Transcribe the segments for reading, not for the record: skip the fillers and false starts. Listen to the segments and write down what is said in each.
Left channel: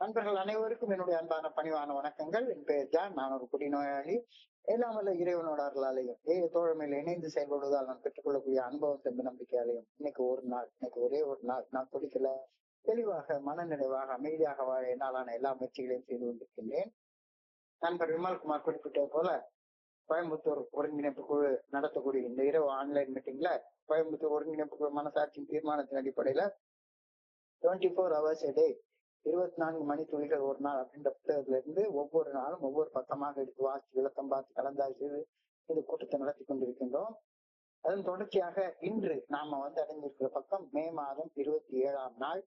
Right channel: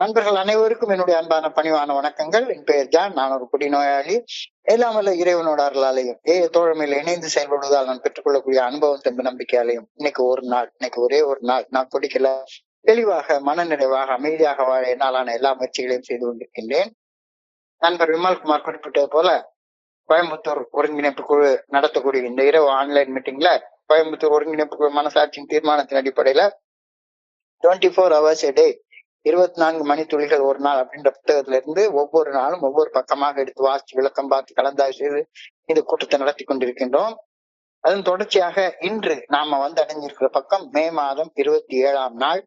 நண்பர்கள் அனைவருக்கும் என்னுடைய அன்பான பணிவான வணக்கங்கள். என் பெயர் ஜான். நான் ஒரு குடிநோயாளி. எல்லாம் வல்ல இறைவனோட அருளாலையும் தோழமையில இணைந்து செயல்படுவதால் நான் பெற்றுக்கொள்ளக்கூடிய அனுபவம் தெம்பு நம்பிக்கையாலையும் இன்னைக்கு ஒரே ஒரு நாள் நான் குடிக்கல, தெளிவாக மனநிறைவாக அமைதியாக வாழ என்னாலான எல்லா முயற்சிகளையும் செய்து கொண்டிருக்கின்றேன். நண்பர் விமல்குமார் குறிப்பிட்டது போல கோயம்புத்தூர் ஒருங்கிணைப்பு குழு நடத்தக்கூடிய இந்த இரவு ஆன்லைன் மீட்டிங்ல கோயம்புத்தூர் ஒருங்கிணைப்பு குழு மனசாட்சியின் தீர்மானத்தின் அடிப்படையில 24 hours a day 24 மணித்துளிகள் ஒரு நாள் அப்படின்ற புத்தகத்துல இருந்து ஒவ்வொரு நாளும் ஒவ்வொரு பக்கமாக எடுத்து வாசிச்சு விளக்கம் பார்த்து கலந்தாய்வு செய்து இந்த கூட்டத்தை நடத்தி கொண்டிருக்கின்றோம். அதன் தொடர்ச்சியாக இன்று நாம அடைஞ்சிருக்கிற பக்கம் மே மாதம் 27ஆம் நாள்.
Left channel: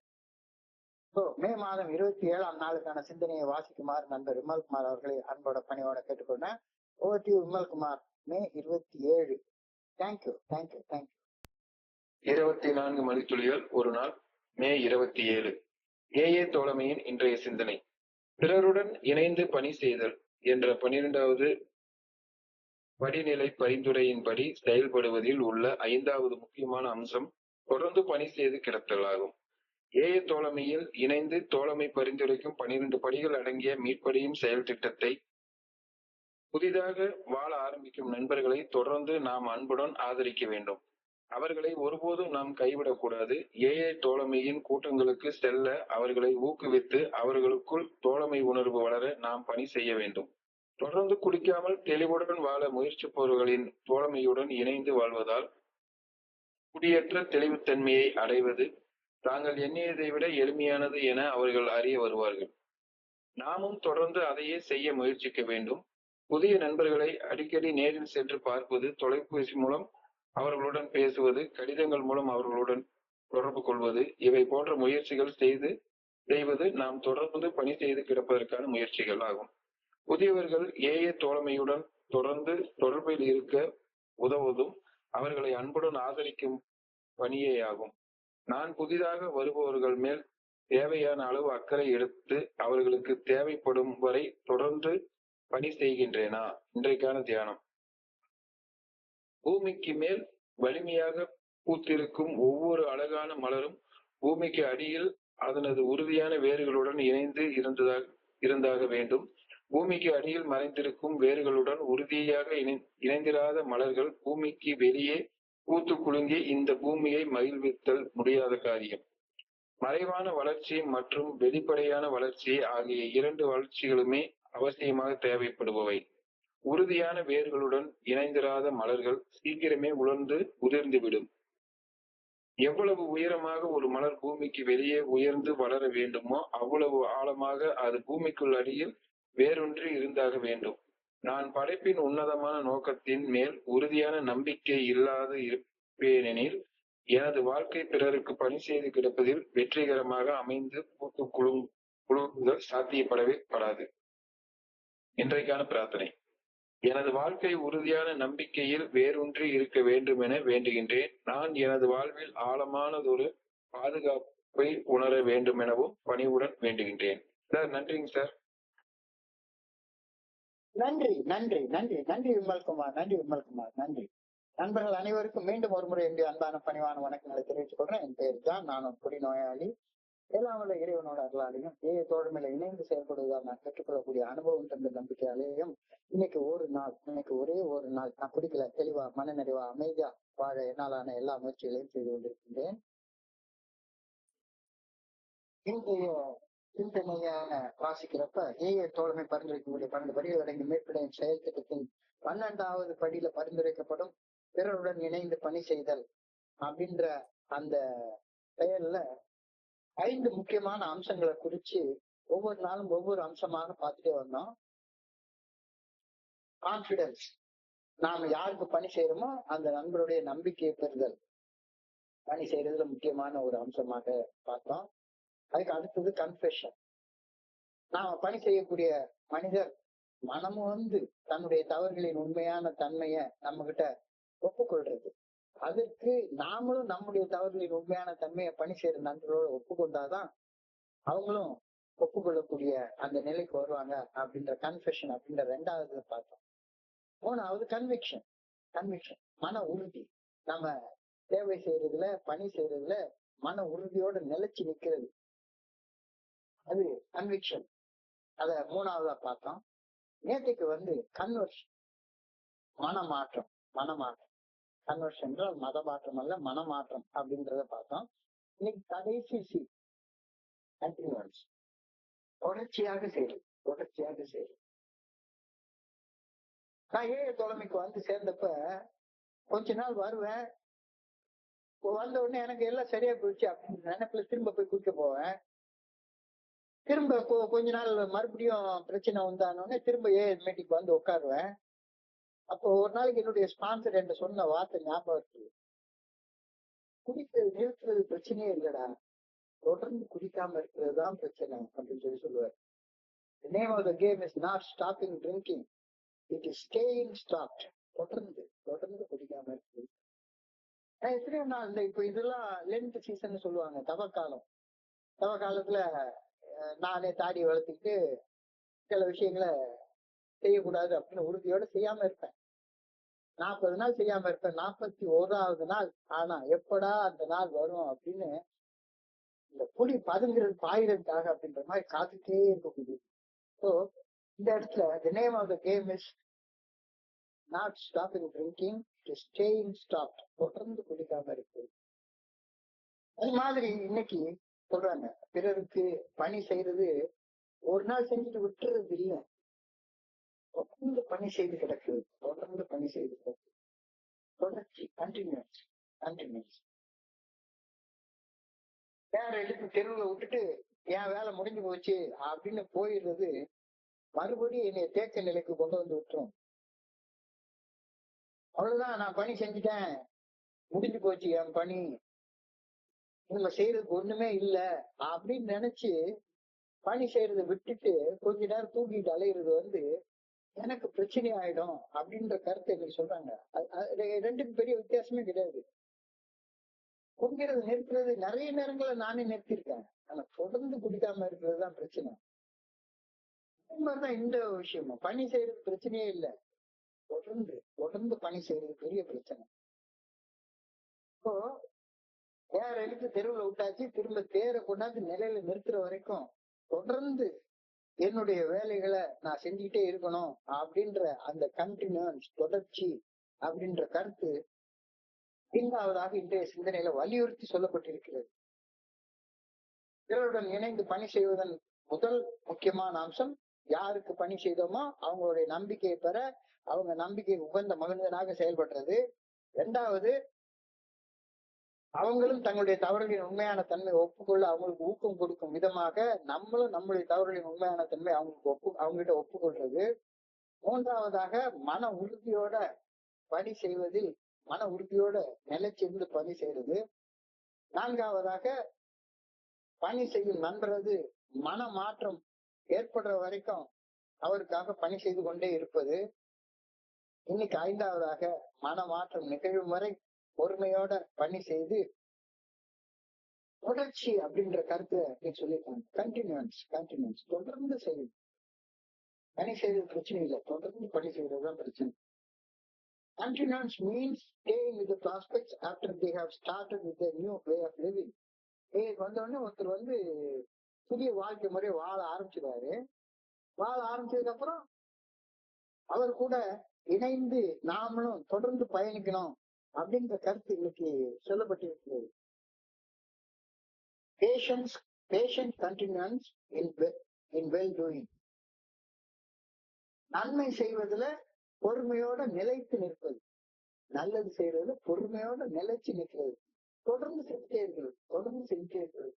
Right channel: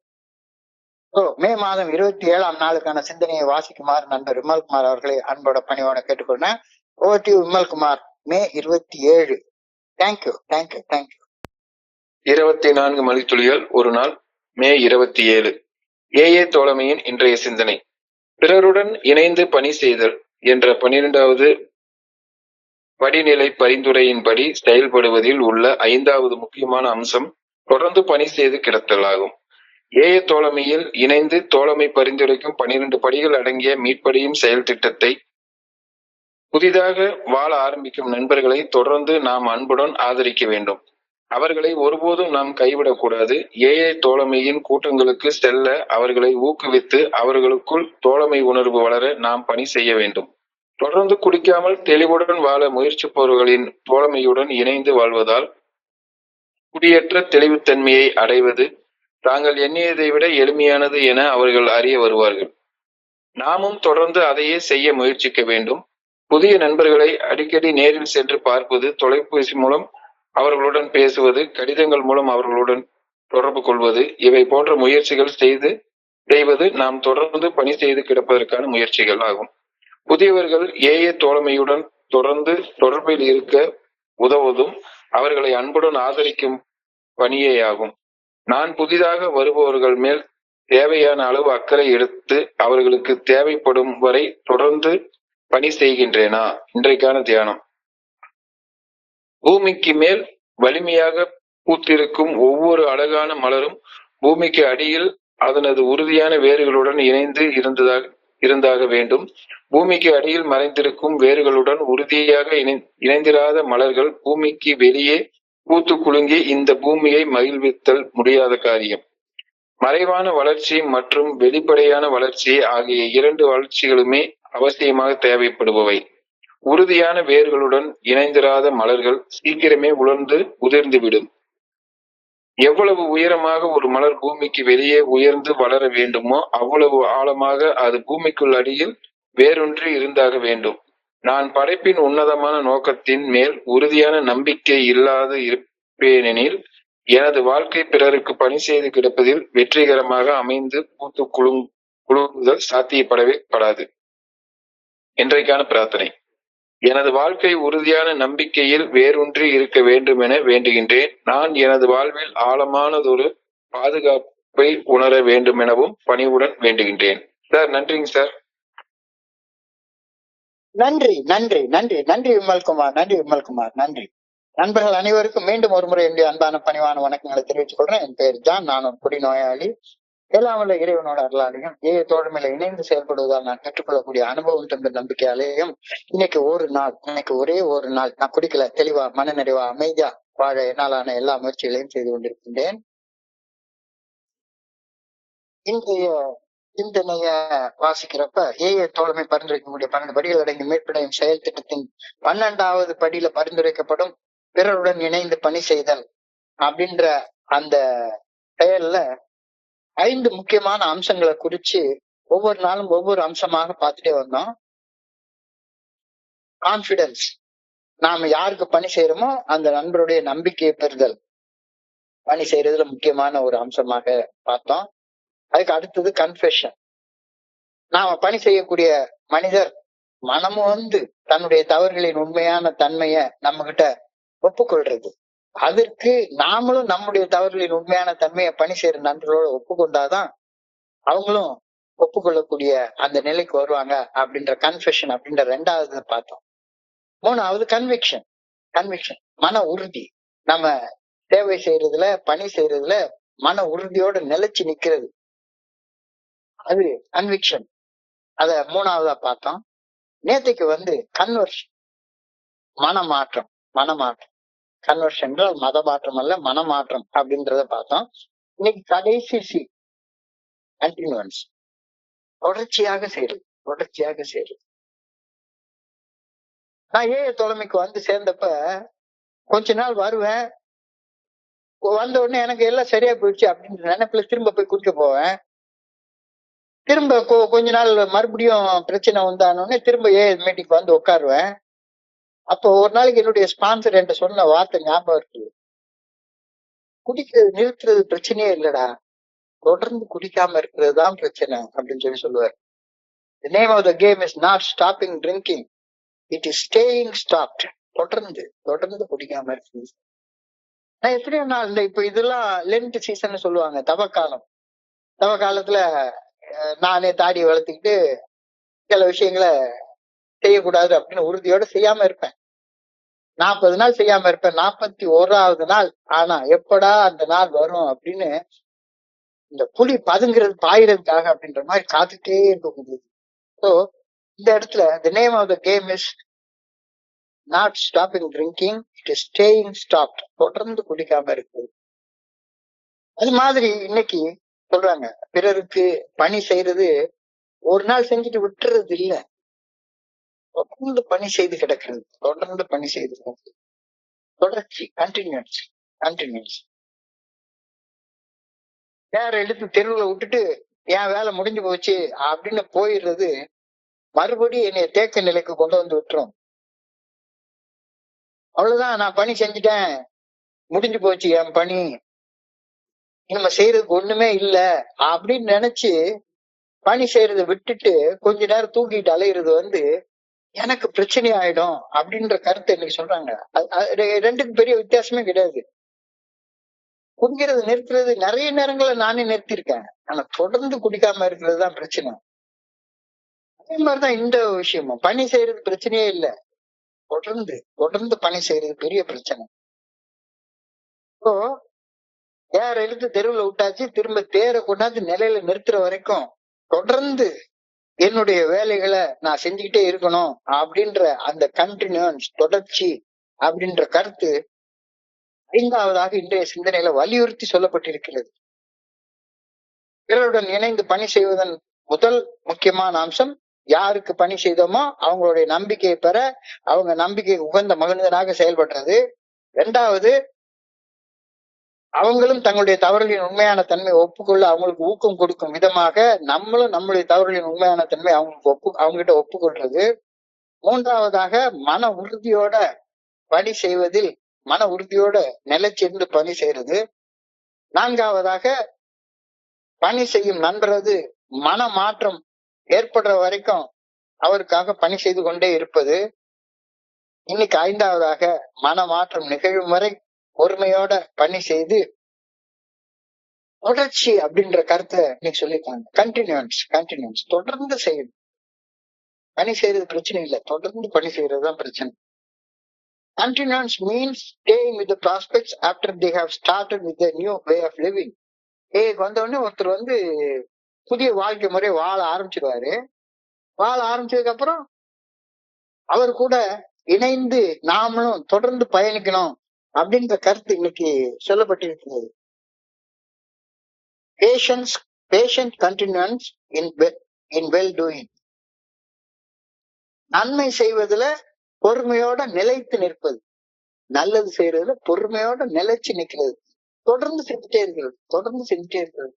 மே மாதம் 27ஆம் நாளுக்கான சிந்தனையை வாசிக்குமாறு நண்பர் விமல்குமார் அவர்களை அன்போட பணியோட கேட்டுக்கொண்டேன். Over to Vimalkumar. May 27. Thank you. 24 மணித்துளிகள் ஒரு நாள். மே 27. ஏஏ தோழமையின் இன்றைய சிந்தனை. பிறருடன் இணைந்து பணி செய்தல் என்ற 12வது படிநிலை பரிந்துரையின்படி செயல்படுவதில் உள்ள 5வது முக்கியமான அம்சம் தொடர்ந்து பணி செய்து கிடத்தல் ஆகும். ஏஏ தோழமையில் இணைந்து தோழமை பரிந்துரைக்கும் 12 படிகள் அடங்கிய மீட்படியும் செயல் திட்டத்தை புதிதாக வாழ ஆரம்பிக்கும் நண்பர்களை தொடர்ந்து நாம் அன்புடன் ஆதரிக்க வேண்டும். அவர்களை ஒருபோதும் நாம் கைவிடக்கூடாது. ஏஏ தோழமையின் கூட்டங்களுக்கு செல்ல அவர்களை ஊக்குவித்து அவர்களுக்குள் தோழமை உணர்வு வளர நாம் பணி செய்ய வேண்டும். தொடர்ந்து குடிக்காமல் தெளிவுடன் வாழ முயற்சிப்பவர்களின் தோழமையுடன் இணைந்து வாழ்வதால் குடியேற்ற தெளிவுத்தன்மையை அடைவது தாங்கள் எண்ணியதை விட எளிமையானது என அவர்கள் அறிய வருவார்கள். நாமும் தொடர்ந்து அதையே செய்ய முயற்சிக்க வேண்டும். புதிய நண்பர்களை அடிக்கடி நேரில் சென்று பார்ப்பது, தொலைபேசி மூலம் அவர்களுடன் பேசுவது, கடிதங்கள் மூலம் அவர்களுடன் தொடர்பு கொள்வது, இவை போன்ற முயற்சிகள் செய்வது நாம் தொடர்ந்து பணி செய்து கிடப்பதற்கான முயற்சிகள் ஆகும். புதியவர்கள் ஏஏ தோழமையுடன் தொடர்ந்து தொடர்பில் இருக்க உதவுவதும் அவர்களை அன்புடன் ஆதரிக்கும் பணியே ஆகும். நான் புதிதாக வருபவர்கள் மேல் தேவையான அளவு அக்கறை எடுத்து அவர்களுக்கு தேவைப்படும் வரை தொடர்ந்து பணி செய்கின்றேனா? இன்றைக்கான தியானம். பூமிக்கு மேல் வலிமையாக பூத்திருக்கும் ஒவ்வொரு அழகான மலரும் பூமிக்கு அடியில் அதனது உறுதியான வேர்களுடன் இணைந்து இருந்தாக வேண்டும். பூமிக்கு அடியில் மறைந்திருக்கும் வேர்களுடன் உறுதியாக இணைந்திராத மலர்கள் பூமிக்கு வெளியே பூத்து குலுங்கி இந்த பூமியை மகிழ்வித்தல் முடியாத காரியம். மறைவான வளர்ச்சி மற்றும் வெளிப்படையான வளர்ச்சி ஆகிய 2 வளர்ச்சிகளுமே அவசியமாக தேவைப்படுபவை. உறுதியான வேர்களுடன் இணைந்திராத மலர்கள் சீக்கிரமே உதிர்ந்துவிடும். எவ்வளவு உயரமாக ஒரு மலர் பூமிக்கு வெளியே உயர்ந்து வளர வேண்டுமோ அவ்வளவு ஆழமாக அது பூமிக்குள் அடியில் வேரூன்றி இருந்தாக வேண்டும். நான் படைப்பின் உன்னதமான நோக்கத்தின் மேல் உறுதியான நம்பிக்கை இல்லாது இருப்பேனெனில் எனது வாழ்க்கை பிறருக்கு பணி செய்து கிடப்பதில் வெற்றிகரமாக அமைந்து பூத்து குலுங்குதல் சாத்தியப்படவே படாது. இன்றைக்கான பிரார்த்தனை. எனது வாழ்க்கை உறுதியான நம்பிக்கையில் வேரூன்றி இருக்க வேண்டும் என வேண்டுகின்றேன். நான் எனது வாழ்வில் ஆழமானதொரு பாதுகாப்பை உணர வேண்டும் எனவும் பணிவுடன் வேண்டுகின்றேன். சார், நன்றிங்க சார். நன்றி விமல்குமார். நன்றி. நண்பர்கள் அனைவருக்கும் மீண்டும் ஒரு முறை என்னுடைய அன்பான பணிவான வணக்கங்களை தெரிவித்துக் கொள்றேன். என் பெயர் ஜான். நான் ஒரு குடிநோயாளி. எல்லாம் வல்ல இறைவனோட அருளாலையும் தோழமையில இணைந்து செயல்படுவதால் நான் கற்றுக்கொள்ளக்கூடிய அனுபவம் தந்த நம்பிக்கையாலேயும் இன்னைக்கு ஒரே ஒரு நாள் நான் குடிக்கல, தெளிவா மனநிறைவா அமைதியா வாழ என்னாலான எல்லா முயற்சிகளையும் செய்து கொண்டிருக்கின்றேன். இன்றைய சிந்தனைய வாசிக்கிறப்ப தோழமை பரிந்துரைக்கக்கூடிய 12 படிகள் அடங்கி மீட்படையும் செயல் திட்டத்தின் 12வது படியில பரிந்துரைக்கப்படும் பிறருடன் இணைந்து பணி செய்தல் அப்படின்ற அந்த செயல்ல 5 முக்கியமான அம்சங்களை குறிச்சு ஒவ்வொரு நாளும் ஒவ்வொரு அம்சமாக பார்த்துட்டே வந்தோம். கான்பிடன்ஸ், நாம யாருக்கு பணி செய்யறோமோ அந்த நண்பருடைய நம்பிக்கையை பெறுதல் பணி செய்யறதுல முக்கியமான ஒரு அம்சமாக பார்த்தோம். அதுக்கு அடுத்தது கன்ஃபெஷன், நாம பணி செய்யக்கூடிய மனிதர் மனமும் தன்னுடைய தவறுகளின் உண்மையான தன்மையை நம்ம கிட்ட ஒப்புக்கொள்றது. அதற்கு நாமளும் நம்முடைய தவறுகளின் உண்மையான தன்மையை பணி செய்யற நண்பர்களோட ஒப்புக்கொண்டாதான் அவங்களும் ஒப்புக்கொள்ளக்கூடிய அந்த நிலைக்கு வருவாங்க அப்படின்ற கன்ஃபெஷன் அப்படின்ற 2வது பார்த்தோம். 3வது கன்விக்ஷன், மன உறுதி. நம்ம சேவை செய்யறதுல பணி செய்யறதுல மன உறுதியோட நிலைச்சு நிக்கிறது. அது கன்விக்ஷன். அத 3வதா பார்த்தோம். நேத்தைக்கு கன்வர்ஷன், மனமாற்றம். மனமாற்றம் கன்வர்ஷன் என்றால் மத மாற்றம் அல்ல, மனமாற்றம் அப்படின்றத பார்த்தோம். இன்னைக்கு கடைசி கண்டினியூன்ஸ், தொடர்ச்சியாக செய்யுது, தொடர்ச்சியாக செய்யுது. நான் தலைமைக்கு சேர்ந்தப்ப கொஞ்ச நாள் வருவேன், வந்த உடனே எனக்கு எல்லாம் சரியா போயிடுச்சு அப்படின்ற நினைப்புல திரும்ப போய் குடிக்க போவேன். திரும்ப கொஞ்ச நாள் மறுபடியும் பிரச்சனை வந்தானோடனே திரும்ப மீட்டிங் உட்காருவேன். அப்போ ஒரு நாளைக்கு என்னுடைய ஸ்பான்சர் என்கிட்ட சொன்ன வார்த்தை ஞாபகம் இருக்கு. குடிக்கிறது நிறுத்துறது பிரச்சனையே இல்லடா, தொடர்ந்து குடிக்காம இருக்கிறது தான் பிரச்சனை அப்படின்னு சொல்லுவார். The name of the game is not stopping drinking, it is staying stopped. தொடர்ந்து தொடர்ந்து குடிக்காம இருக்குது. நான் எத்தனையோ நாள் இப்ப இதெல்லாம் லென்ட் சீசன் சொல்லுவாங்க, தவக்காலம். தவக்காலத்துல நானே தாடி வளர்த்துக்கிட்டு சில விஷயங்களை செய்யக்கூடாது அப்படின்னு உறுதியோட செய்யாம இருப்பேன். 40 நாள் செய்யாம இருப்பேன். 41வது நாள் ஆனா எப்படா அந்த நாள் வரும் அப்படின்னு இந்த புலி பதுங்கிறது பாயிறதுக்காக அப்படின்ற மாதிரி காத்துட்டே இருக்க முடியுது. ஸோ இந்த இடத்துல the name of the game is not stopping drinking, it is staying stopped. தொடர்ந்து குடிக்காம இருக்கு. அது மாதிரி இன்னைக்கு சொல்றாங்க, பிறருக்கு பணி செய்யறது ஒரு நாள் செஞ்சுட்டு விட்டுறது இல்ல, தொடர்ந்து பணி செய்து கிடக்கிறது, தொடர்ந்து பணி செய்து கிடக்கிறது, தொடர்ச்சி, கண்டினியூஸ் கண்டினியூஸ். வேற எடுத்து தெருவுல விட்டுட்டு என் வேலை முடிஞ்சு போச்சு அப்படின்னு போயிடுறது மறுபடியும் என்னைய தேக்க நிலைக்கு கொண்டு வந்து விட்டுரும். அவ்வளவுதான், நான் பணி செஞ்சுட்டேன், முடிஞ்சு போச்சு என் பணி, நம்ம செய்யறதுக்கு ஒண்ணுமே இல்ல அப்படின்னு நினைச்சு பணி செய்யறதை விட்டுட்டு கொஞ்ச நேரம் தூக்கிட்டு அலையிறது எனக்கு பிரச்சனை ஆயிடும் அப்படின்ற கருத்தை இன்னைக்கு சொல்றாங்க. ரெண்டுக்கும் பெரிய வித்தியாசமே கிடையாது. குடிக்கிறது நிறுத்துறது நிறைய நேரங்கள்ல நானே நிறுத்திருக்கேன், ஆனா தொடர்ந்து குடிக்காம இருக்கிறது தான் பிரச்சனை. அதே மாதிரிதான் இந்த விஷயமும், பணி செய்யறது பிரச்சனையே இல்லை, தொடர்ந்து தொடர்ந்து பணி செய்யறது பெரிய பிரச்சனை. இப்போ தேரை இழுத்து தெருவுல விட்டாச்சு, திரும்ப தேரை கொண்டாந்து நிலையில நிறுத்துற வரைக்கும் தொடர்ந்து என்னுடைய வேலைகளை நான் செஞ்சுக்கிட்டே இருக்கணும் அப்படின்ற அந்த கண்டினியூன்ஸ், தொடர்ச்சி அப்படின்ற கருத்து 5வதாக இன்றைய சிந்தனையில வலியுறுத்தி சொல்லப்பட்டிருக்கிறது. பிறருடன் இணைந்து பணி செய்வதன் முதல் முக்கியமான அம்சம், யாருக்கு பணி செய்தோமோ அவங்களுடைய நம்பிக்கையை பெற, அவங்க நம்பிக்கை உகந்த மகிழ்ந்தனாக செயல்படுறது. 2வது, அவங்களும் தங்களுடைய தவறுகளின் உண்மையான தன்மை ஒப்புக்கொள்ள அவங்களுக்கு ஊக்கம் கொடுக்கும் விதமாக நம்மளும் நம்மளுடைய தவறுகளின் உண்மையான தன்மை அவங்ககிட்ட ஒப்புக்கொள்றது. 3வதாக, மன உறுதியோட பணி செய்வதில் மன உறுதியோட நிலைச்சிருந்து பணி செய்யறது. 4வதாக, பணி செய்யும் நண்பரது மன மாற்றம் ஏற்படுற வரைக்கும் அவருக்காக பணி செய்து கொண்டே இருப்பது. இன்னைக்கு 5வதாக, மன மாற்றம் நிகழும் வரை பொறுமையோட பணி செய்து தொடர்ச்சி அப்படின்ற கருத்தை இன்னைக்கு சொல்லியிருக்காங்க. கண்டினியூன்ஸ் தொடர்ந்து செய்யணும். பணி செய்யறது பிரச்சனை இல்லை, தொடர்ந்து பணி செய்யறதுதான் பிரச்சனை. Continuance means staying with the prospects after they have started with a new way of living. வந்த உடனே ஒருத்தர் புதிய வாழ்க்கை முறை வாழ ஆரம்பிச்சிருவாரு. வாழ ஆரம்பிச்சதுக்கு அப்புறம் அவர் கூட இணைந்து நாமளும் தொடர்ந்து பயணிக்கணும் அப்படின்ற கருத்து இன்னைக்கு சொல்லப்பட்டிருக்கிறது. patient continuance in well doing. நன்மை செய்வதுல பொறுமையோட நிலைத்து நிற்பது, நல்லது செய்யறதுல பொறுமையோட நிலைச்சு நிற்கிறது, தொடர்ந்து செஞ்சுட்டே இருக்கிறது.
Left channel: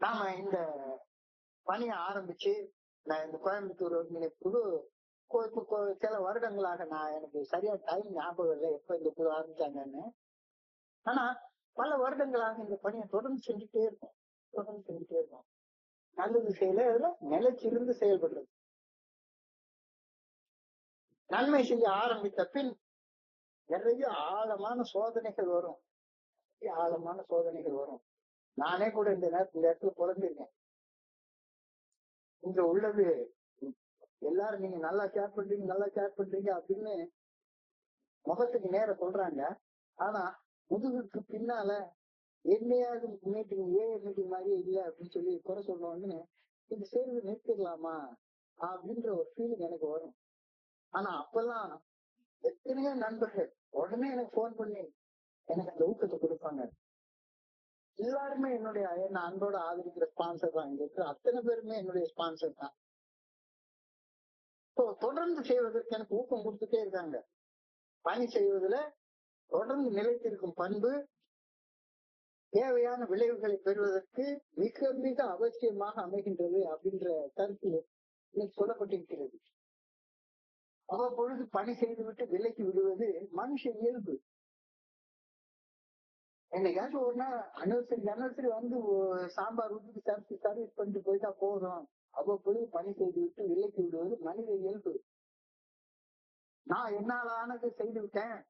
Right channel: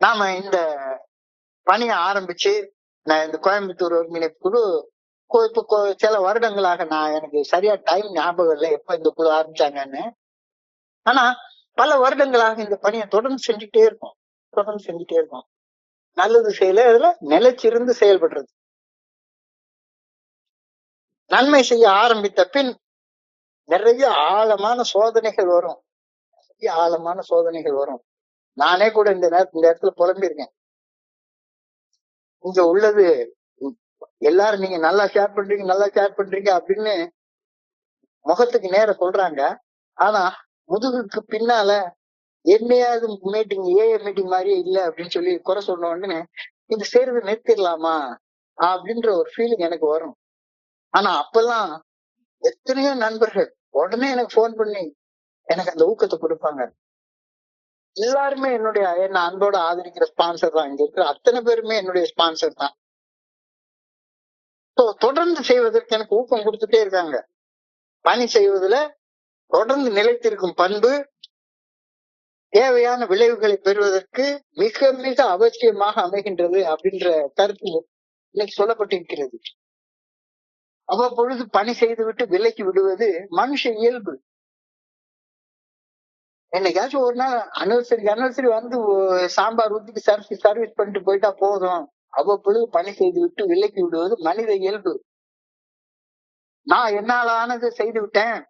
நாம இந்த பணியை ஆரம்பிச்சு நான் இந்த கோயம்புத்தூர் ஒருங்கிணைப்பு குழு இப்போ சில வருடங்களாக, நான் எனக்கு சரியா டைம் ஞாபகம் இல்லை எப்ப இந்த குழு ஆரம்பிச்சாங்கன்னு, ஆனா பல வருடங்களாக இந்த பணியை தொடர்ந்து செஞ்சுட்டே இருக்கோம். நல்லது செய்யல, அதுல நிலைச்சிருந்து செயல்படுறது. நன்மை செய்ய ஆரம்பித்த பின் நிறைய ஆழமான சோதனைகள் வரும். நானே கூட இந்த இடத்துல புலம்பிருக்கேன். இங்க உள்ளது எல்லாரும் நீங்க நல்லா ஷேர் பண்றீங்க அப்படின்னு முகத்துக்கு நேர சொல்றாங்க. ஆனா முதுகுக்கு பின்னால என்னையாவது மீட்டிங் ஏஏ மீட்டிங் மாதிரியே இல்ல அப்படின்னு சொல்லி குறை சொன்ன உடனே இது செய்யறது நிறுத்திடலாமா அப்படின்ற ஒரு ஃபீலிங் எனக்கு வரும். ஆனா அப்பெல்லாம் எத்தனையோ நண்பர்கள் உடனே எனக்கு ஃபோன் பண்ணி எனக்கு அந்த ஊக்கத்தை கொடுப்பாங்க. எல்லாருமே என்ன அன்போட ஆதரிக்கிற ஸ்பான்சர் தான். இங்க இருக்கிற அத்தனை பேருமே என்னுடைய ஸ்பான்சர் தான். தொடர்ந்து செய்வதற்கு எனக்கு ஊக்கம் கொடுத்துட்டே இருக்காங்க. பணி செய்வதுல தொடர்ந்து நிலைத்திருக்கும் பண்பு தேவையான விளைவுகளை பெறுவதற்கு மிக மிக அவசியமாக அமைகின்றது அப்படின்ற கருத்து இன்னைக்கு சொல்லப்பட்டிருக்கிறது. அவ்வப்பொழுது பணி செய்து விட்டு விலக்கி விடுவது மனுஷ இயல்பு. என்னைக்காச்சும் ஒரு நாள் அனிவர்சரி வந்து சாம்பார் ஊத்திட்டு சர்வீஸ் பண்ணிட்டு போயிட்டா போதும். அவ்வப்பொழுது பணி செய்து விட்டு விலக்கி விடுவது மனித இயல்பு. நான் என்னால ஆனது செய்து விட்டேன்.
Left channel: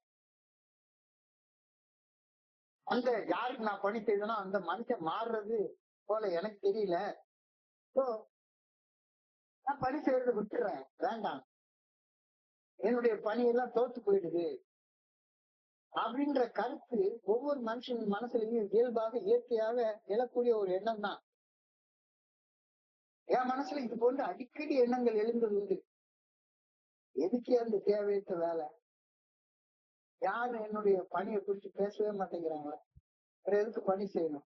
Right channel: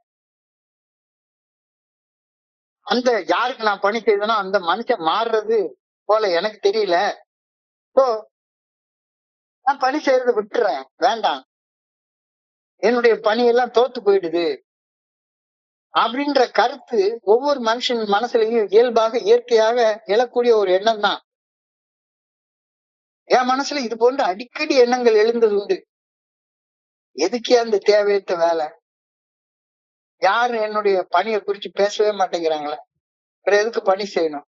அந்த யாருக்கு நான் பணி செய்தனோ அந்த மனுஷன் மாறுறது போல எனக்கு தெரியல. நான் பணி செய்யறதை விட்டுறேன், வேண்டாம், என்னுடைய பணியெல்லாம் தோத்து போயிடுது அப்படின்ற கருத்து ஒவ்வொரு மனுஷன் மனசுலயும் இயல்பாக இயற்கையாக எழக்கூடிய ஒரு எண்ணம் தான். என் மனசுல இது போன்ற அடிக்கடி எண்ணங்கள் எழுந்தது உண்டு. எதுக்கே அந்த தேவையற்ற வேலை? யாரும் என்னுடைய பணியை குறிச்சு பேசவே மாட்டேங்கிறாங்களே, அப்புறம் எதுக்கு பணி செய்யணும்?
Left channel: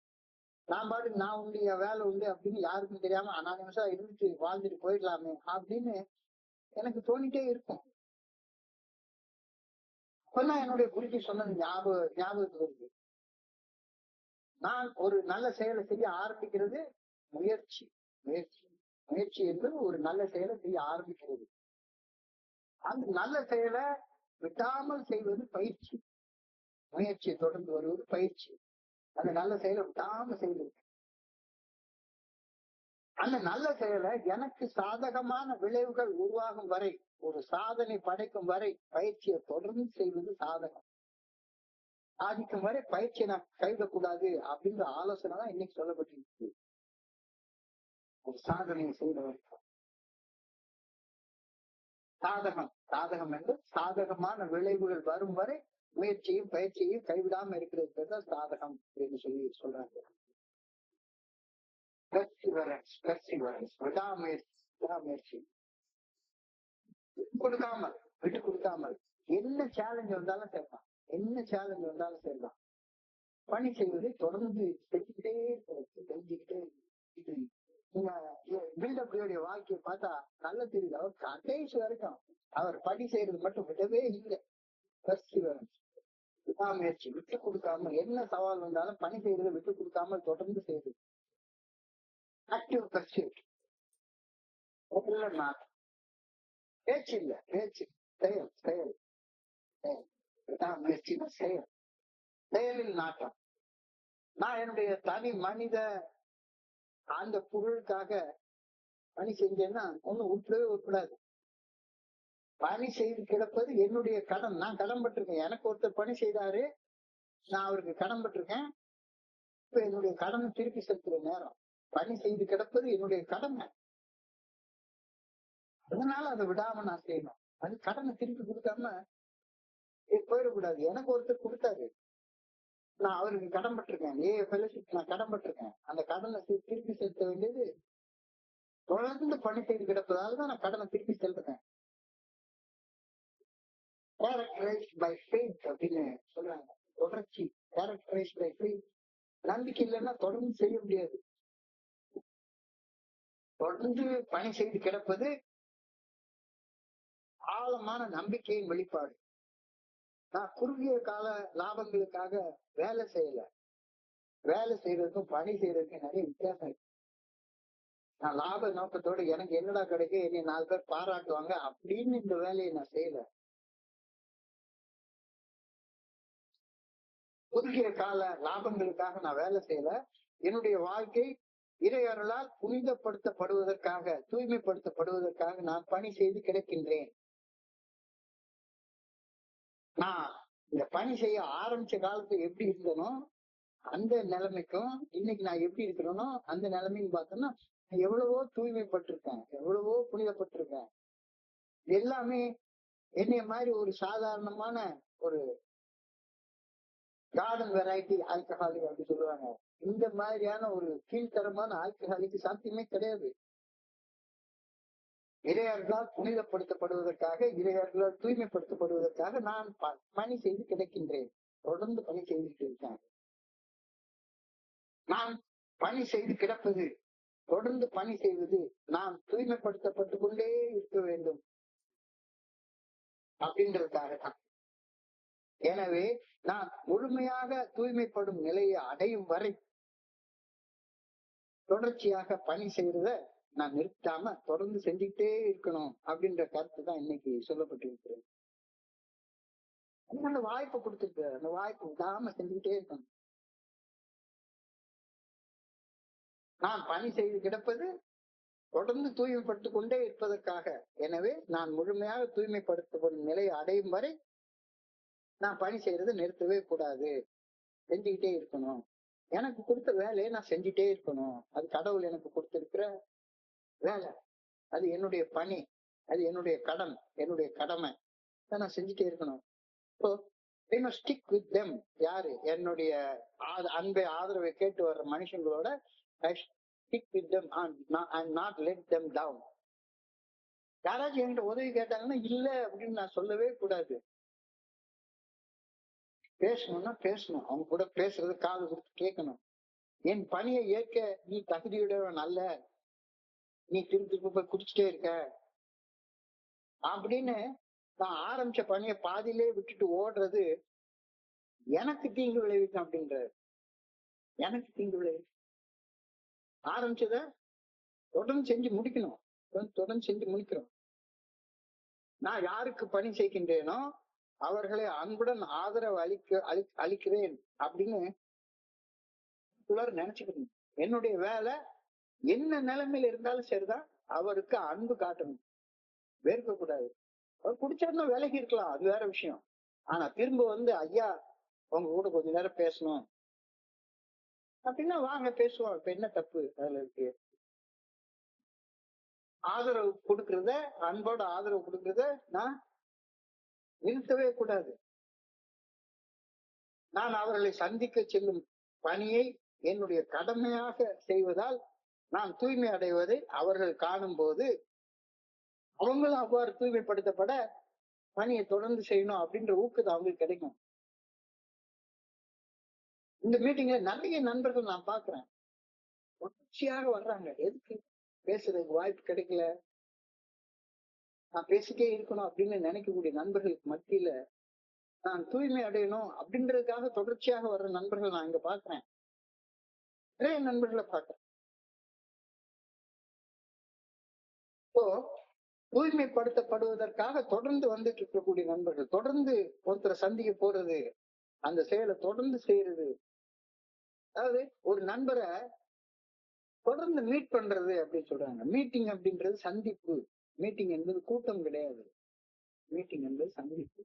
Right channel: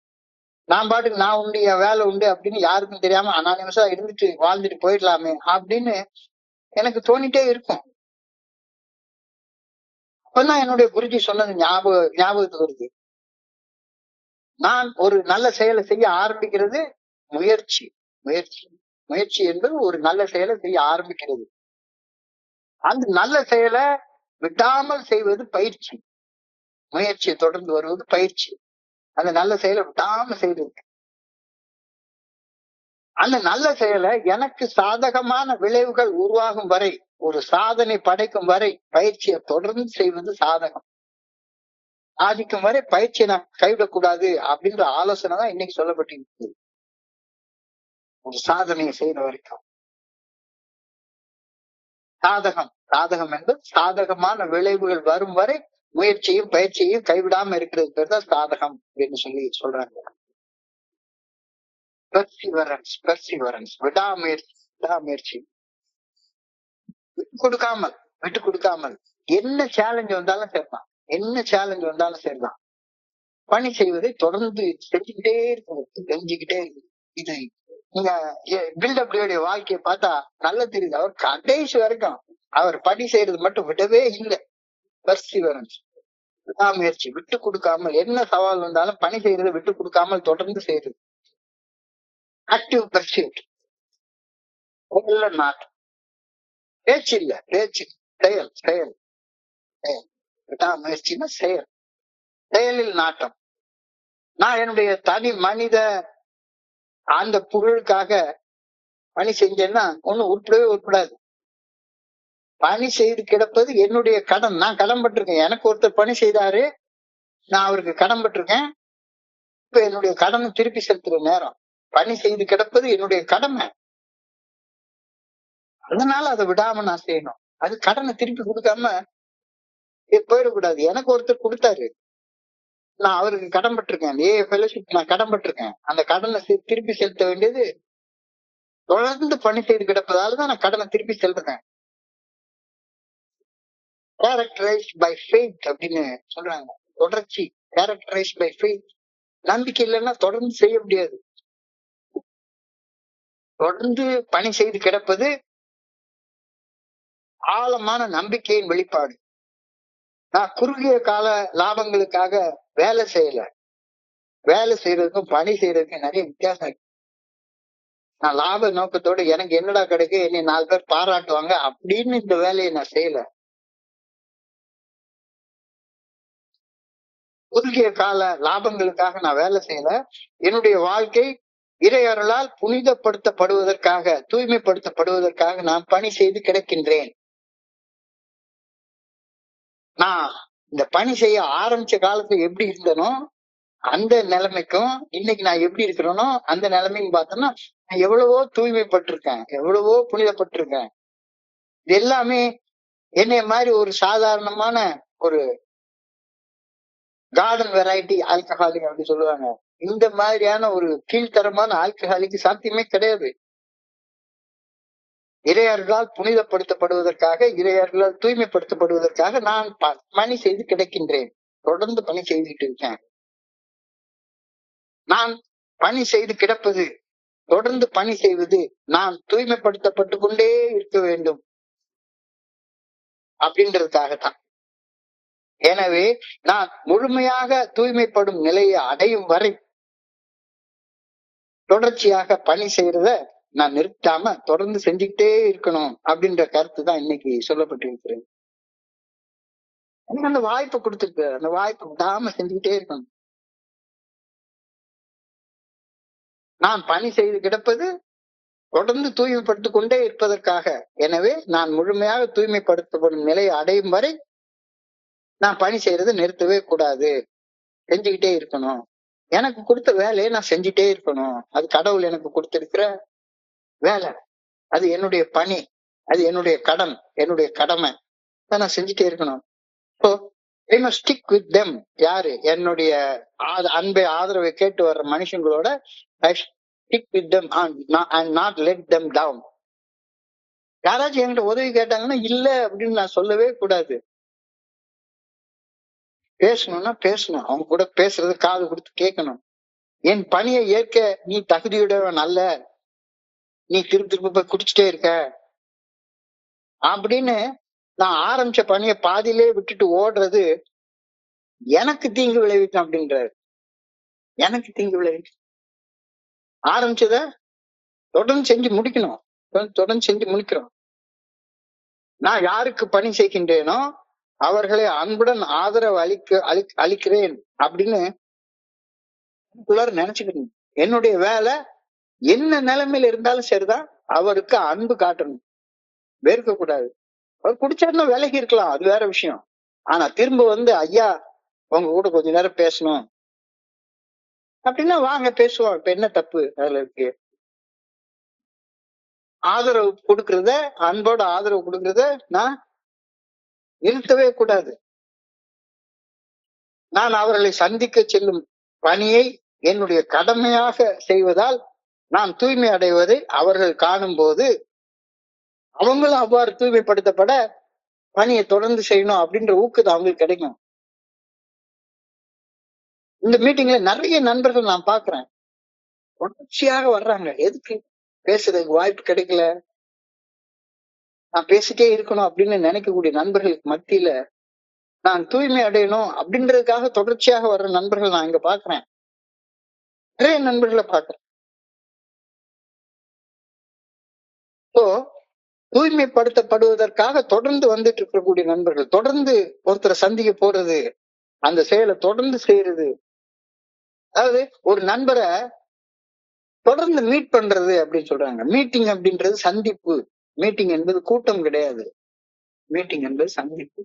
நான் பாட்டுக்கு நான் உண்டு, என் வேலை உண்டு அப்படின்னு யாருக்கும் தெரியாம அனானிமஸா இருந்துட்டு வாழ்ந்துட்டு போயிடலாமே அப்படின்னு எனக்கு தோணிட்டே இருக்கும். அப்பதான் என்னுடைய குருஜி சொன்னது ஞாபகத்துக்கு வருது. நான் ஒரு நல்ல செயலை செய்ய ஆரம்பிக்கிறது முயற்சி. முயற்சி முயற்சி என்பது ஒரு நல்ல செயலை செய்ய ஆரம்பிக்கிறது. அந்த நல்ல செயலை விடாமல் செய்வது பயிற்சி. முயற்சியை தொடர்ந்து வருவது பயிற்சி. அந்த நல்ல செயலை விடாம செய்வது. அந்த நல்ல செயலை எனக்கு சாதகமான விளைவுகள் உருவாகும் வரை, ஒரு சாதனை படைக்கும் வரை பயிற்சியை தொடர்ந்து செய்வது சாதகம். சாதிக்கும் வரை பயிற்சியை நான் கைவிடக்கூடாது அப்படின்ற ஆலோசனை தான் இன்னைக்கு சொல்லப்பட்டிருக்கு. ஒரு சாதனையை செய்யற வரைக்கும் சாதகம் என்பது சாதகமான விளைவுகள் வரும் வரை முயற்சியும் பயிற்சியையும் கைவிடாம இருக்கிறது பேர் தான் சாதகம் அப்படின்னு சொல்லி சொல்றாங்க. பெர்சிவரன்ஸ் விடாமுயற்சி விட்டு கொடுக்காமல் என்ன சேலஞ்ச் வந்தாலும் சரிதான் பணி செய்வதை தொடர்ந்து செஞ்சுக்கிட்டே இருக்கு. இது நீங்க பில்டப்ளியோடைய வாழ்க்கையை பார்த்தா நல்லா தெரியுது. அவர் கடைசி வரைக்கும் அவர் பணி செய்யறது மட்டும் விடவே இல்லை. பெர்சிவரன்ஸ் விடாமுயற்சி, விட்டு கொடுக்காமல் என்ன சவால் வந்தாலும் பணி செய்யறதை விட்டு கொடுக்காமல் தொடர்ந்து செய்யறது. ஆக்டிவ் பர்சியூட், பேச்சு இல்ல, செயல். விடாமுயற்சினா செயலில் நாட்டம். நான் என்னுடைய தனி மனித அந்த புகழுக்காக பணி செஞ்சேன்னா ஒண்ணும் உட்படாது. பணி செய்து கிடப்பது என்னுடைய கடன். நான் கடன் பட்டிருக்கேன். எனக்கு ஒருத்தர் பணி செய்தாரு, நான் அவருக்கு கடன் பட்டிருக்கேன். இப்ப என்னுடைய கடனை திருப்பி செலுத்துற நேரம். பணி செய்து கிடப்பது என்னுடைய கடமை. அதனால அதை விடாம நான் செய்யணும். அது கடனை திருப்பி கொடுக்காம போயிடக்கூடாது. எனக்கு ஒருத்தர் கொடுத்தாரு, நான் அவருக்கு கடன் பட்டிருக்கேன். ஃபெலோஷிப் நான் கடன் பட்டிருக்கேன். அந்த கடனை திருப்பி செலுத்த வேண்டியது தொடர்ந்து பணி செய்து கிடப்பதாலதான் நான் கடனை திருப்பி செலுத்துறேன். கேரக்டரைஸ்ட் பை ஃபெய்த் அப்படின்னு சொல்றாங்க. தொடர்ச்சி கேரக்டரைஸ்ட் பை ஃபெய்த். நம்பிக்கை இல்லைன்னா தொடர்ந்து செய்ய முடியாது. தொடர்ந்து பணி செய்து கிடப்பது ஆழமான நம்பிக்கையின் வெளிப்பாடு. நான் குறுகிய கால லாபங்களுக்காக வேலை செய்யல. வேலை செய்யறதுக்கும் பணி செய்யறதுக்கும் நிறைய வித்தியாசம் இருக்கு. நான் லாப நோக்கத்தோட எனக்கு என்னடா கிடைக்கும், என்னை 4 பேர் பாராட்டுவாங்க அப்படின்னு இந்த வேலையை நான் செய்யல. குறுகிய கால லாபங்களுக்காக நான் வேலை செய்யல. என்னுடைய வாழ்க்கை இறை அருளால் புனிதப்படுத்தப்படுவதற்காக, தூய்மைப்படுத்தப்படுவதற்காக நான் பணி செய்து கிடக்கின்றேன். நான் இந்த பணி செய்ய ஆரம்பிச்ச காலத்துல எப்படி இருந்தனோ அந்த நிலைமைக்கும் இன்னைக்கு நான் எப்படி இருக்கிறேனோ அந்த நிலைமைன்னு பார்த்தோம்னா நான் எவ்வளவோ தூய்மைப்பட்டிருக்கேன், எவ்வளவோ புனிதப்பட்டிருக்கேன். இது எல்லாமே என்னைய மாதிரி ஒரு சாதாரணமான ஒரு கார்டன் வெரைட்டி ஆல்கஹாலிக் அப்படி சொல்லுவாங்க. இந்த மாதிரியான ஒரு கீழ்த்தரமான ஆல்கஹாலிக் சாத்தியமே கிடையாது. இறையர்களால் புனிதப்படுத்தப்படுவதற்காக, இறையர்களால் தூய்மைப்படுத்தப்படுவதற்காக நான் பணி செய்து கிடக்கின்றேன். தொடர்ந்து பணி செய்துட்டு இருக்கேன். நான் பணி செய்து கிடப்பது, தொடர்ந்து பணி செய்வது, நான் தூய்மைப்படுத்தப்பட்டு கொண்டே இருக்க வேண்டும் அப்படின்றதுக்காகத்தான். எனவே நான் முழுமையாக தூய்மைப்படும் நிலையை அடையும் வரை தொடர்ச்சியாக பணி செய்யறத நான் நிறுத்தாம தொடர்ந்து செஞ்சுக்கிட்டே இருக்கணும் அப்படின்ற கருத்து தான் இன்னைக்கு சொல்லப்பட்டிருக்கிறது. எனக்கு அந்த வாய்ப்பு கொடுத்துருக்கு, அந்த வாய்ப்பு விடாம செஞ்சுக்கிட்டே இருக்கணும். நான் பணி செய்து கிடப்பது தொடர்ந்து தூய்மைப்படுத்திக் கொண்டே இருப்பதற்காக. எனவே நான் முழுமையாக தூய்மைப்படுத்தப்படும் நிலையை அடையும் வரை நான் பணி செய்யறதை நிறுத்தவே கூடாது, செஞ்சுக்கிட்டே இருக்கணும். எனக்கு கொடுத்த வேலையை நான் செஞ்சுட்டே இருக்கணும். அது கடவுள் எனக்கு கொடுத்திருக்கிற வேலை, அது என்னுடைய பணி, அது என்னுடைய கடன், என்னுடைய கடமை, நான் செஞ்சுட்டே இருக்கணும். So I must stick with them. யாரு? என்னுடைய அன்பை ஆதரவை கேட்டு வர்ற மனுஷங்களோட I stick with them and not let them down. யாராச்சும் என்கிட்ட உதவி கேட்டாங்கன்னா இல்ல அப்படின்னு நான் சொல்லவே கூடாது. பேசணும்னா பேசணும், அவங்க கூட பேசுறது காது கொடுத்து கேட்கணும். என் பணியை ஏற்க நீ தகுதியுடையவன் அல்ல, நீ திரும்ப திரும்ப போய் குடிச்சிட்டே இருக்க அப்படின்னு நான் ஆரம்பிச்ச பணியை பாதியிலே விட்டுட்டு ஓடுறது எனக்கு தீங்கு விளைவிக்கும் அப்படின்றாரு. எனக்கு தீங்கு விளைவிக்கும். ஆரம்பிச்சத தொடர்ந்து செஞ்சு முடிக்கணும், தொடர்ந்து செஞ்சு முடிக்கிறோம். நான் யாருக்கு பணி செய்கின்றேனோ அவர்களை அன்புடன் ஆதரவு அளிக்கிறேன் அப்படின்னு நினைச்சுக்கணும். என்னுடைய வேலை என்ன நிலைமையில இருந்தாலும் சரிதான், அவருக்கு அன்பு காட்டணும், வெறுக்க கூடாது. அவர் குடிச்சாருன்னா விலகி இருக்கலாம், அது வேற விஷயம். ஆனா திரும்ப வந்து ஐயா உங்க கூட கொஞ்ச நேரம் பேசணும் அப்படின்னா வாங்க பேசுவோம். இப்ப என்ன தப்பு அதுல இருக்கு? ஆதரவு கொடுக்கறத, அன்போட ஆதரவு கொடுக்கறத நான் நிறுத்தவே கூடாது. நான் அவர்களை சந்திக்க செல்லும் பணியை என்னுடைய கடமையாக செய்வதால் நான் தூய்மை அடைவதை அவர்கள் காணும் போது அவங்களும் அவ்வாறு தூய்மைப்படுத்தப்பட பணியை தொடர்ந்து செய்யணும் அப்படின்ற ஊக்கத்தை அவங்களுக்கு கிடைக்கும். இந்த மீட்டிங்ல நிறைய நண்பர்கள் நான் பாக்குறேன், தொடர்ச்சியாக வர்றாங்க. எதுக்கு? பேசுறதுக்கு வாய்ப்பு கிடைக்கல, நான் பேசிட்டே இருக்கணும் அப்படின்னு நினைக்கக்கூடிய நண்பர்களுக்கு மத்தியில நான் தூய்மை அடையணும் அப்படின்றதுக்காக தொடர்ச்சியாக வர்ற நண்பர்கள் நான் இங்க பாக்குறேன், நிறைய நண்பர்களை பாக்குறேன். சோ தூய்மைப்படுத்தப்படுவதற்காக தொடர்ந்து வந்துட்டு இருக்கக்கூடிய நண்பர்கள், தொடர்ந்து ஒருத்தரை சந்திக்க போறது, அந்த செயலை தொடர்ந்து செய்யறது, அதாவது ஒரு நண்பரை தொடர்ந்து மீட் பண்றது அப்படின்னு சொல்றாங்க. மீட்டிங் அப்படின்றது சந்திப்பு. மீட்டிங் என்பது கூட்டம் கிடையாது, மீட்டிங் என்பது சந்திப்பு.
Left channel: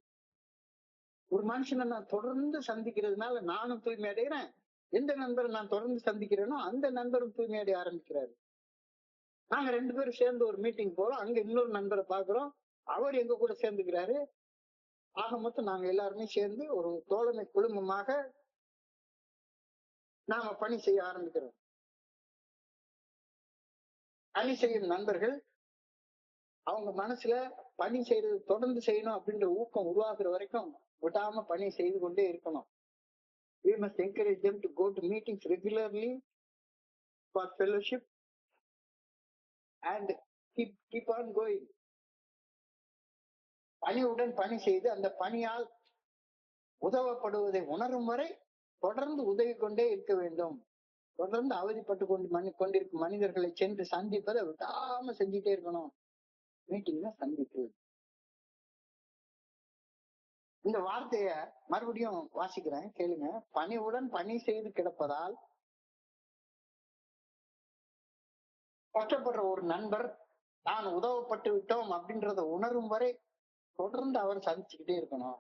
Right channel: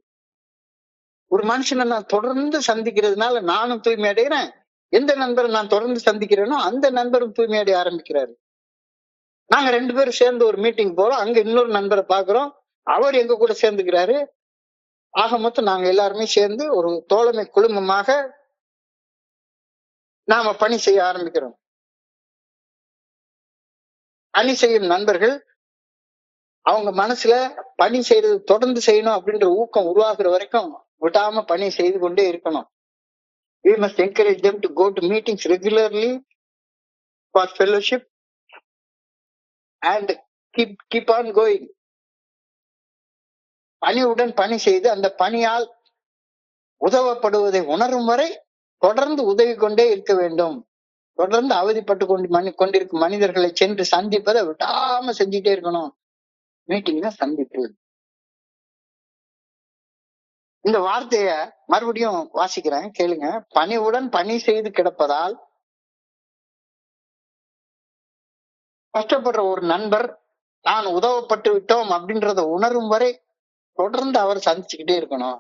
ஒரு மனுஷனை நான் தொடர்ந்து சந்திக்கிறதுனால நானும் தூய்மை அடைகிறேன், எந்த நண்பரை நான் தொடர்ந்து சந்திக்கிறேனோ அந்த நண்பரும் தூய்மை அடைய ஆரம்பிக்கிறாரு. நாங்க 2 பேரும் சேர்ந்து ஒரு மீட்டிங் போறோம், அங்க இன்னொரு நண்பரை பாக்குறோம், அவர் எங்க கூட சேர்ந்துக்கிறாரு. ஆக மொத்தம் நாங்க எல்லாருமே சேர்ந்து ஒரு தோழமை குழுமமாக நாம பணி செய்ய ஆரம்பிக்கிறோம். பணி செய்யும் நண்பர்கள் அவங்க மனசுல பணி செய்யறது தொடர்ந்து செய்யணும் அப்படின்ற ஊக்கம் உருவாக்குற வரைக்கும் விடாம பணி செய்து கொண்டே இருக்கணும். We must encourage them to go to meetings regularly for fellowship and keep on going. பணியுடன் பணி செய்து அந்த பணியால் உதவப்படுவதை உணரும் வரை தொடர்ந்து உதவி கொண்டே இருக்க வேண்டும். தொடர்ந்து அவதிப்பட்டு கொண்டிருக்கும் மனிதர்களை சென்று சந்திப்பதை விடாம செஞ்சுட்டே இருக்கணும். மீட்டிங்னா சந்திப்பு. இந்த வார்த்தைய மறுபடியும் வாசிக்கிறேன், கேளுங்க. பணிவுடன் பணி செய்து கிடப்பதால் கஷ்டப்படுற ஒரு நண்பர் நான் உதவப்பட்டு விட்டோம் அப்படின்றத உணரும் வரை தொடர்ந்து அவர் சந்திச்சுக்கிட்டே இருக்கணும்,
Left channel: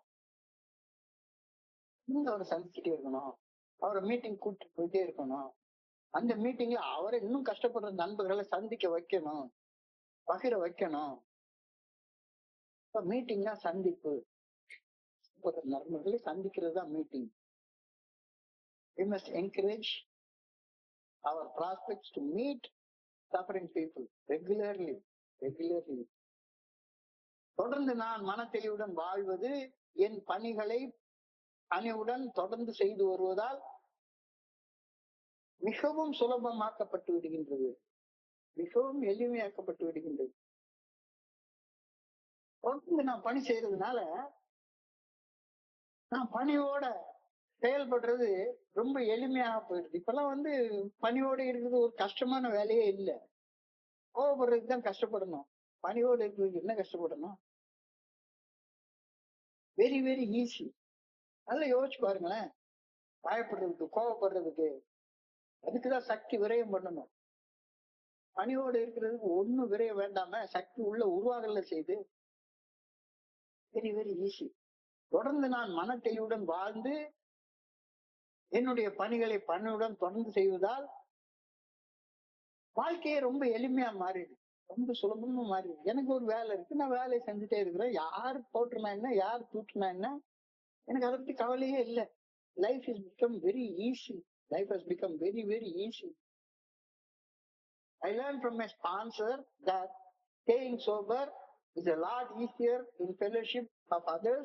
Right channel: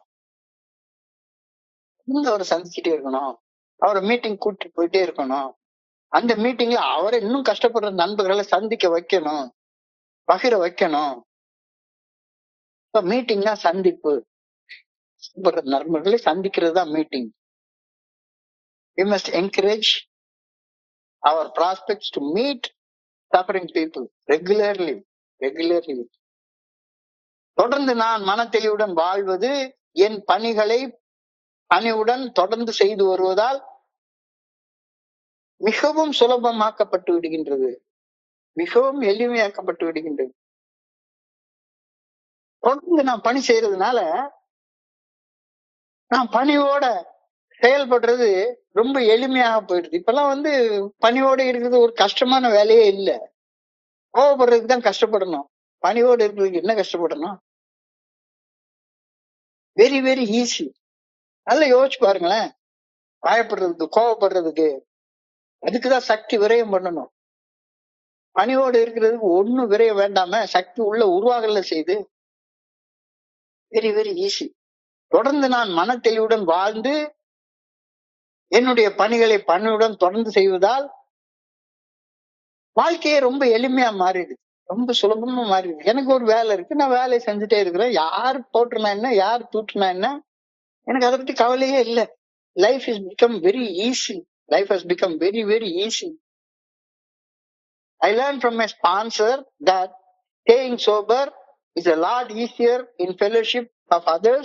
அவர் சந்திச்சுட்டே இருக்கணும், அவரை மீட்டிங் கூட்டிட்டு போயிட்டே இருக்கணும். அந்த மீட்டிங்ல அவரை இன்னும் கஷ்டப்படுற நண்பர்களை சந்திக்க வைக்கணும், பகிர வைக்கணும். மீட்டிங்னா சந்திப்பு, நண்பர்களை சந்திக்கிறது தான் meeting. We must encourage our prospects to meet suffering people regularly. தொடர்ந்து நான் மனத்தெளிவுடன் வாழ்வது என் பணிகளை பணிவுடன் தொடர்ந்து செய்து வருவதால் மிகவும் சுலபமாக்கப்பட்டு விடுகின்றது, மிகவும் எளிமையாக்கப்பட்டு விடுகின்றது. தொடர்ந்து நான் பணி செய்யறதுனால நான் பணியோட செயல்படுறது ரொம்ப எளிமையாக போயிடுது. இப்பெல்லாம் பணியோட இருக்கிறது ஒரு கஷ்டமான வேலையே இல்ல. கோவப்படுறதுக்கு தான் கஷ்டப்படணும். பணியோட இருக்கிறதுக்கு என்ன கஷ்டப்படணும்? Very very easy. நல்லா யோசிச்சு பாருங்களேன். பயப்படுறதுக்கு, கோவப்படுறதுக்கு, அதுக்குதான் சக்தி விரயம் பண்ணணும். பணியோடு இருக்கிறதுக்கு ஒண்ணும் விரயம் வேண்டாம சக்தி உள்ள உருவாகல செய்து. Very very easy. தொடர்ந்து நான் மன தெளிவுடன் வாழ்ந்து என்னுடைய பணிகளை பணியுடன் தொடர்ந்து செய்வதால் வாழ்க்கையே ரொம்ப எளிமையா மாறிடுது, ரொம்ப சுலபமா மாறிடுது. எனக்கு ஒரு வேலை இருக்கு, நான் வேலையை செஞ்சுட்டே இருக்கிறேன். யார் போட்டுனா என்ன, யார் தூட்டுனா என்ன, எனக்கு அதை பத்தி கவலையே இல்லை. Life is become very easy. Life has become very, very easy. I learned from my sponsor that staying sober is a lot easier in fellowship of others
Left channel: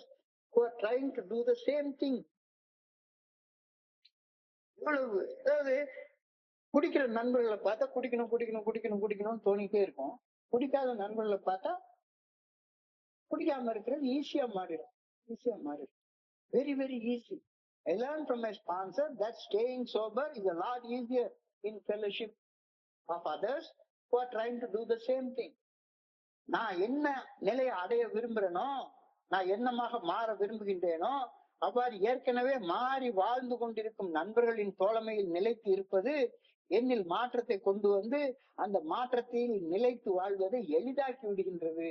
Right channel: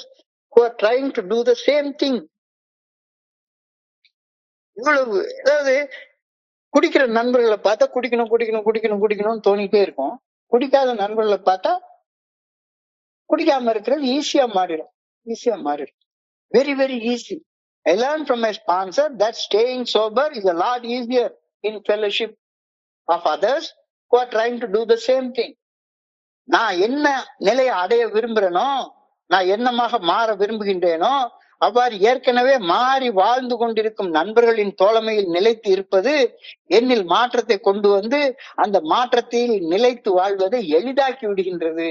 who are trying to do the same thing. இவ்வளவு, அதாவது குடிக்கிற நண்பர்களை பார்த்தா குடிக்கணும் குடிக்கணும் குடிக்கணும் குடிக்கணும்னு தோணிட்டே இருக்கும். குடிக்காத நண்பர்களை பார்த்தா குடிக்காம இருக்கிறது ஈஸியா மாறிடும். Very, very easy. I learned from my sponsor that staying sober is a lot easier in fellowship of others who are trying to do the same thing. நான் என்ன நிலையை அடைய விரும்புறேனோ, நான் என்னமாக மாற விரும்புகின்றேனோ, அவ்வாறு ஏற்கனவே மாறி வாழ்ந்து கொண்டிருக்கும் நண்பர்களின் தோழமையில் நிலைத்து இருப்பது என்னில் மாற்றத்தை கொண்டு வந்து அந்த மாற்றத்தில் நிலைத்து வாழ்வதை எளிதாக்கி விடுகின்றது.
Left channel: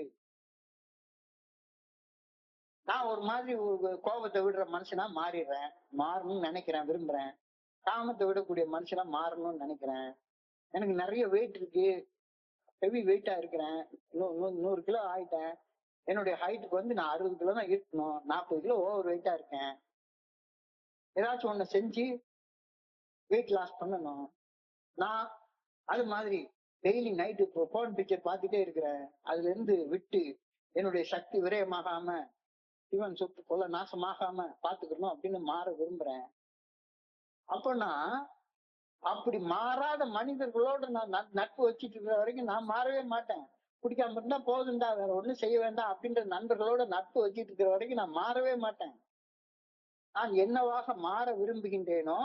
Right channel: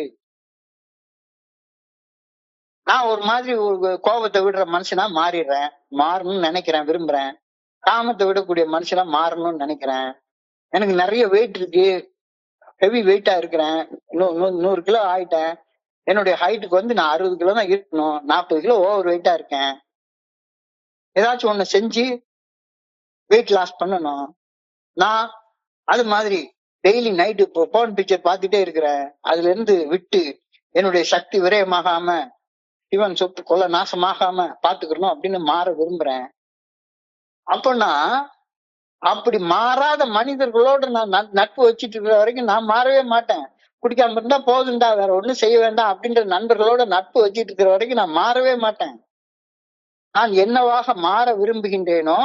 நான் ஒரு மாதிரி ஒரு கோபத்தை விடுற மனுஷனா மாறிடுறேன், மாறணும்னு நினைக்கிறேன், விரும்புறேன். காமத்தை விடக்கூடிய மனுஷனா மாறணும்னு நினைக்கிறேன். எனக்கு நிறைய வெயிட் இருக்கு, ஹெவி வெயிட்டா இருக்கிறேன், 100 கிலோ ஆயிட்டேன். என்னுடைய ஹைட்டுக்கு நான் 60 கிலோ தான் இருக்கணும், 40 கிலோ ஓவர் வெயிட்டா இருக்கேன். ஏதாச்சும் ஒண்ணு செஞ்சு வெயிட் லாஸ் பண்ணணும். நான் அது மாதிரி டெய்லி நைட்டு போன் பிக்சர் பார்த்துட்டே இருக்கிறேன். அதுல இருந்து விட்டு என்னுடைய சக்தி விரயமாகாம, சிவன் சொத்து கொலை நாசமாகாம பாத்துக்கணும் அப்படின்னு மாற விரும்புறேன். அப்பனா அப்படி மாறாத மனிதர்களோட நான் நட்பு வச்சிட்டு இருக்கிற வரைக்கும் நான் மாறவே மாட்டேன். குடிக்காம இருந்தா போதுண்டா, வேற ஒண்ணும் செய்ய வேண்டாம் அப்படின்ற நண்பர்களோட நட்பு வச்சிட்டு இருக்கிற வரைக்கும் நான் மாறவே மாட்டேன். நான் என்னவாக மாற விரும்புகின்றேனோ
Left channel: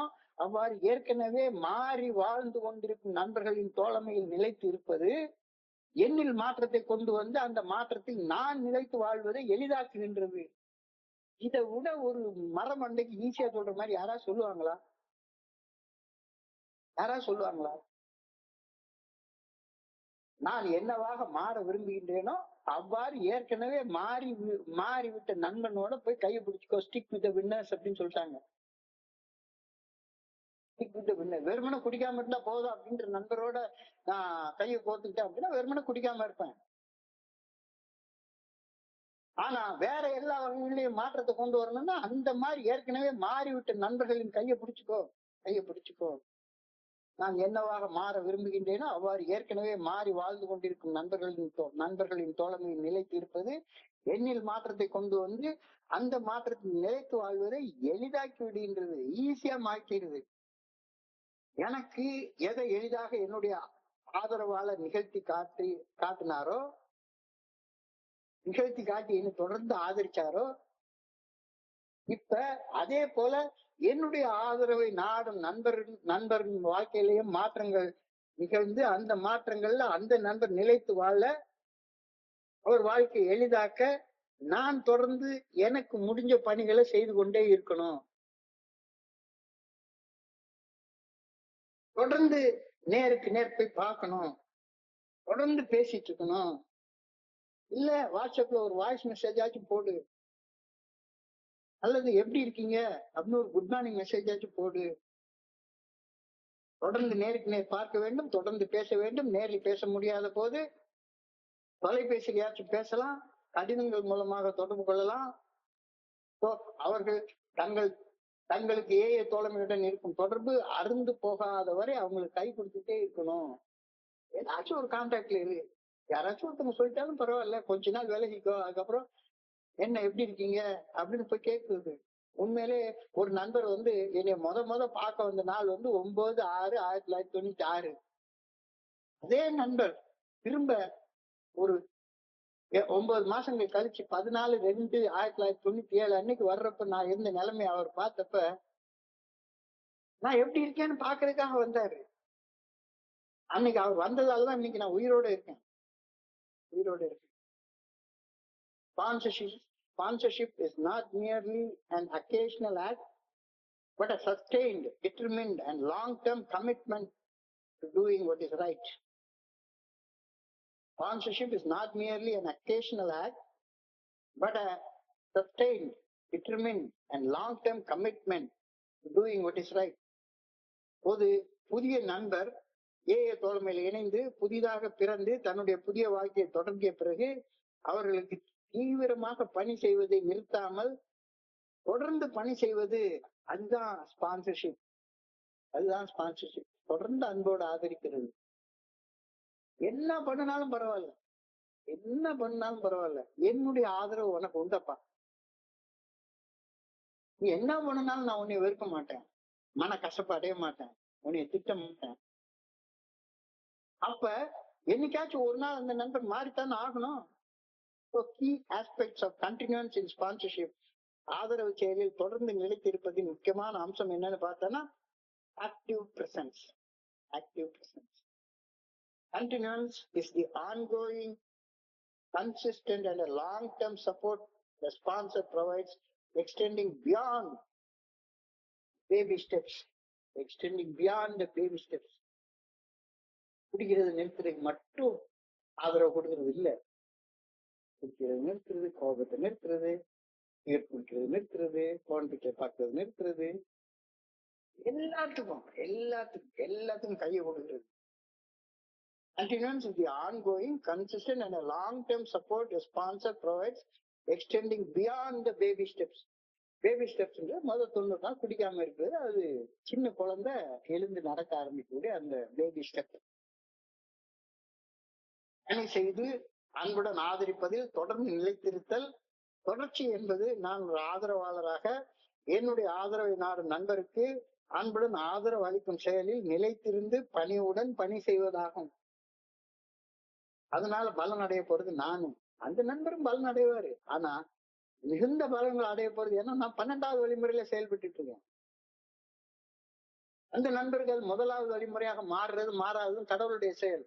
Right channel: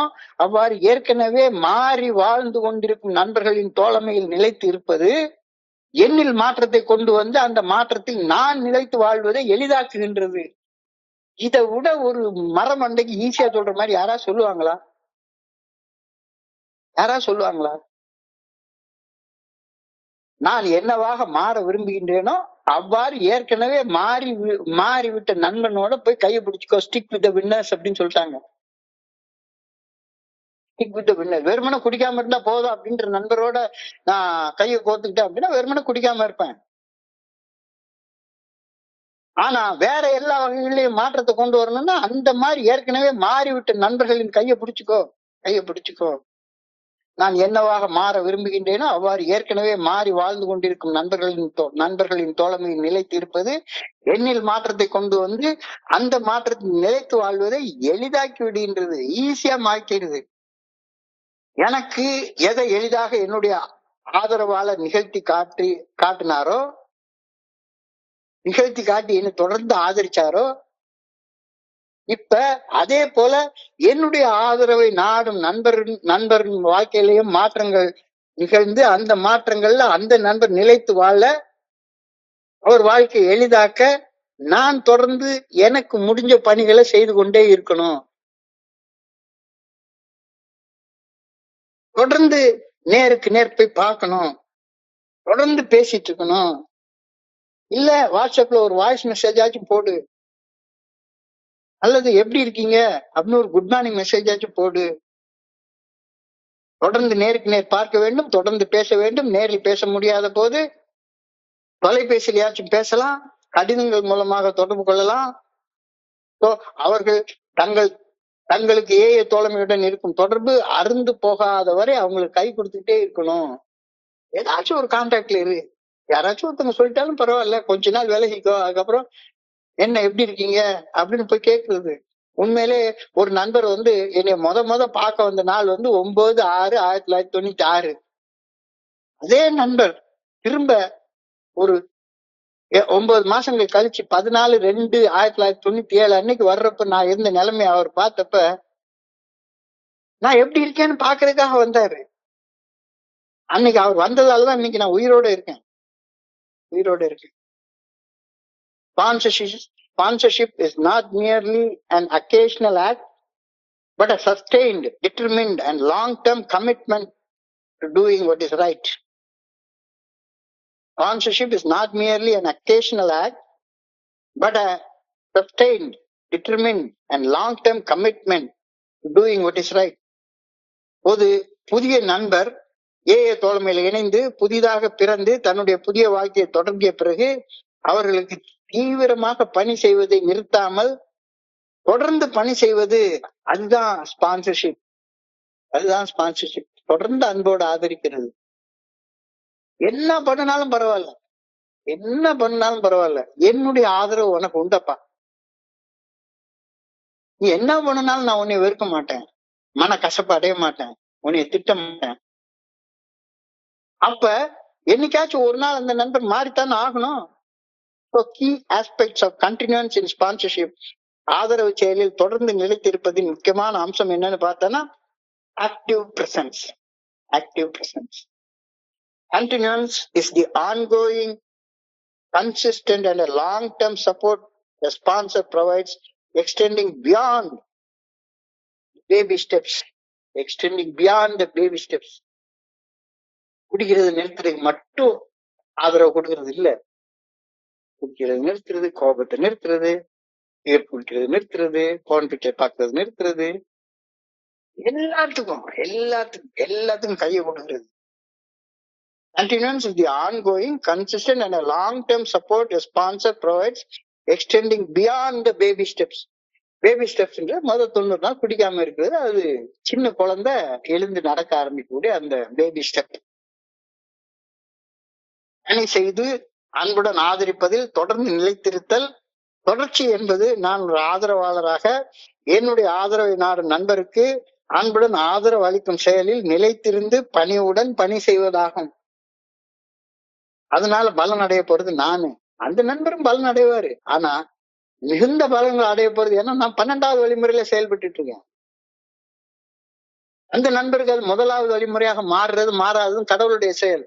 அவ்வாறு ஏற்கனவே மாறி வாழ்ந்து கொண்டிருக்கும் நண்பர்களின் தோழமையில் நிலைத்து இருப்பது என்னில் மாற்றத்தை கொண்டு வந்து அந்த மாற்றத்தில் நான் நிலைத்து வாழ்வதை எளிதாக்குகின்றது. இதை விட ஒரு மரமண்டைக்கு ஈஸியா சொல்ற மாதிரி யாராவது சொல்லுவாங்களா? நான் என்னவாக மாற விரும்புகின்றேனோ அவ்வாறு ஏற்கனவே மாறிவிட்ட நண்பனோட போய் கையை பிடிச்சிக்கோ. ஸ்டிக் வித் தி வின்னர்ஸ் அப்படின்னு சொல்லிட்டாங்க. Stick with the winners. வெறுமனே குடிக்காம இருந்தா போதும் அப்படின்ற நண்பரோட நான் கையை கோத்துக்கிட்டேன் அப்படின்னா வெறுமனே குடிக்காம இருப்பேன். ஆனா வேற எல்லா வகைகளையும் மாற்றத்தை கொண்டு வரணும்னா அந்த மாதிரி ஏற்கனவே மாறிவிட்ட நண்பர்களின் கையை பிடிச்சுக்கோ. நான் என்னவாக மாற விரும்புகின்றேனோ அவ்வாறு ஏற்கனவே மாறி வாழ்ந்து கொண்டிருக்கும் நண்பர்களின் தோழமையில் நிலைத்து இருப்பது என்னில் மாற்றத்தை கொண்டு வந்து அந்த மாற்றத்தில் நிலைத்து வாழ்வதை எளிதாக்கி விடுகின்றது, ஈஸியா மாற்றிடுது. எனக்கு எதை எளிதாக என்னுடைய ஆதரவாளர் நிகழ்த்தி காட்டினாரோ, நிகழ்த்தி காட்டி என்னை தொடர்ந்து ஆதரிச்சாரோ, இப்ப அதே போல என்னுடைய ஆதரவை நாடும் நண்பரின் வாழ்க்கையிலையும் மாற்றங்கள் நிகழ்ந்து அந்த மாற்றங்கள்ல அந்த நண்பர் நிலைத்து வாழ, அவர் வாழ்க்கையை எளிதாக்க நான் தொடர்ந்து எனக்கு முடிஞ்ச பணிகளை செய்து கொண்டே இருக்கணும். தொடர்ந்து நேருக்கு நேர் போய் பார்க்கணும், தொடர்ந்து பேசிட்டு இருக்கணும். இல்ல வாட்ஸ்அப்ல ஒரு வாய்ஸ் மெசேஜ் ஆச்சும் போடு, அல்லது எப்படி இருக்கீங்க அப்படின்னு ஒரு குட் மார்னிங் மெசேஜ் ஆச்சும் போடு. தொடர்ந்து நேருக்கு நேர் பார்க்க வேண்டும், தொடர்ந்து பேச வேண்டும். நேரில் பேச முடியாத போது தொலைபேசியிலாச்சும் பேசலாம், கடிதங்கள் மூலமாக தொடர்பு கொள்ளலாம். அவர்கள் தங்கள் தங்களுக்கு ஏஏ தோழமையுடன் இருக்கும் தொடர்பு அருந்து போகாத வரை அவங்களுக்கு கை கொடுத்துட்டே இருக்கணும். ஏதாச்சும் ஒரு கான்டாக்ட்ல இரு. யாராச்சும் ஒருத்தவங்க சொல்லிட்டாலும் பரவாயில்ல, கொஞ்ச நாள் விலகிக்கோ, அதுக்கப்புறம் என்ன எப்படி இருக்கீங்க அப்படின்னு போய் கேட்கறது. உண்மையிலே ஒரு நண்பர் என்னை முத பார்க்க வந்த நாள் 9/6/1996. அதே நண்பர் திரும்ப ஒரு 9 மாசங்கள் கழிச்சு 14/2/1997 அன்னைக்கு வர்றப்ப நான் இருந்த நிலைமை அவர் பார்த்தப்ப நான் எப்படி இருக்கேன்னு பாக்குறதுக்காக வந்தாரு. அன்னைக்கு அவர் வந்ததாலதான் இன்னைக்கு நான் உயிரோட இருக்கேன். Sponsorship is not merely an occasional act, but a sustained, determined, and long-term commitment to doing what is right. Sponsorship is not merely an occasional act, but a sustained, determined, and long-term commitment to doing what is right. ஒரு புதிய நண்பர் AA தோழமையில இணைந்து புதிதாக பிறந்து தன்னுடைய புதிய வாழ்க்கையை தொடங்கிய பிறகு அவர்களுக்கு தீவிரமாக பணி செய்வதை நிறுத்தாமல் தொடர்ந்து பணி செய்வது, அதுதான் ஸ்பான்சர்ஷிப். தொடர்ந்து அன்போடு ஆதரிக்கிறது. என்ன பண்ணினாலும் பரவாயில்ல, என்னுடைய ஆதரவு உனக்கு உண்டப்பா. நீ என்ன பண்ணினாலும் நான் உன்னை வெறுக்க மாட்டேன், மன கசப்பு அடைய மாட்டேன், உன்னை திட்ட மாட்டேன். அப்ப என்னைக்காச்சும் ஒரு நாள் அந்த நண்பர் மாறித்தான் ஆகணும். Key aspects of continuance in sponsorship, ஆதரவு செயலில் தொடர்ந்து நிலைத்திருப்பதின் முக்கியமான அம்சம் என்னன்னு பார்த்தோன்னா active presence. Continuance is the ongoing, consistent and a long-term support the sponsor provides, extending beyond baby steps. குடிக்கிறது நிறுத்துறது மட்டும் ஆதரவு கொடுக்கறது இல்ல. குடிக்கிறது நிறுத்துறது, கோபத்தை நிறுத்துறது, சீர் குடிக்கிறது நிறுத்துறது, போன் பிக்சர் பார்க்கறது நிறுத்துறது, எல்லாத்துக்கும் கையை கொடுக்கிறது. Continuance is the ongoing, consistent and a long-term support a sponsor provides, extending beyond the baby steps. Baby steps முதல் 90 நாள் குடிக்காம இருக்கிறது. அது சின்ன குழந்தை எழுந்து நடக்க ஆரம்பிக்கக்கூடிய அந்த பேபி ஸ்டெப். பணி செய்து அன்புடன் ஆதரிப்பதில் தொடர்ந்து நிலைத்திருத்தல். தொடர்ச்சி என்பது நான் ஒரு ஆதரவாளராக என்னுடைய ஆதரவை நாடும் நண்பருக்கு அன்புடன் ஆதரவு அளிக்கும் செயலில் நிலைத்திருந்து பணியுடன் பணி செய்வதாகும். அதனால பலன் அடைய போறது நானு, அந்த நண்பரும் பலன் அடைவாரு. ஆனா மிகுந்த பலன்கள் அடைய போறது ஏன்னா நான் 12வது வழிமுறையில செயல்பட்டு இருக்கேன். அந்த நண்பர்கள் 1வது வழிமுறையாக மாறாததும் கடவுளுடைய செயல்.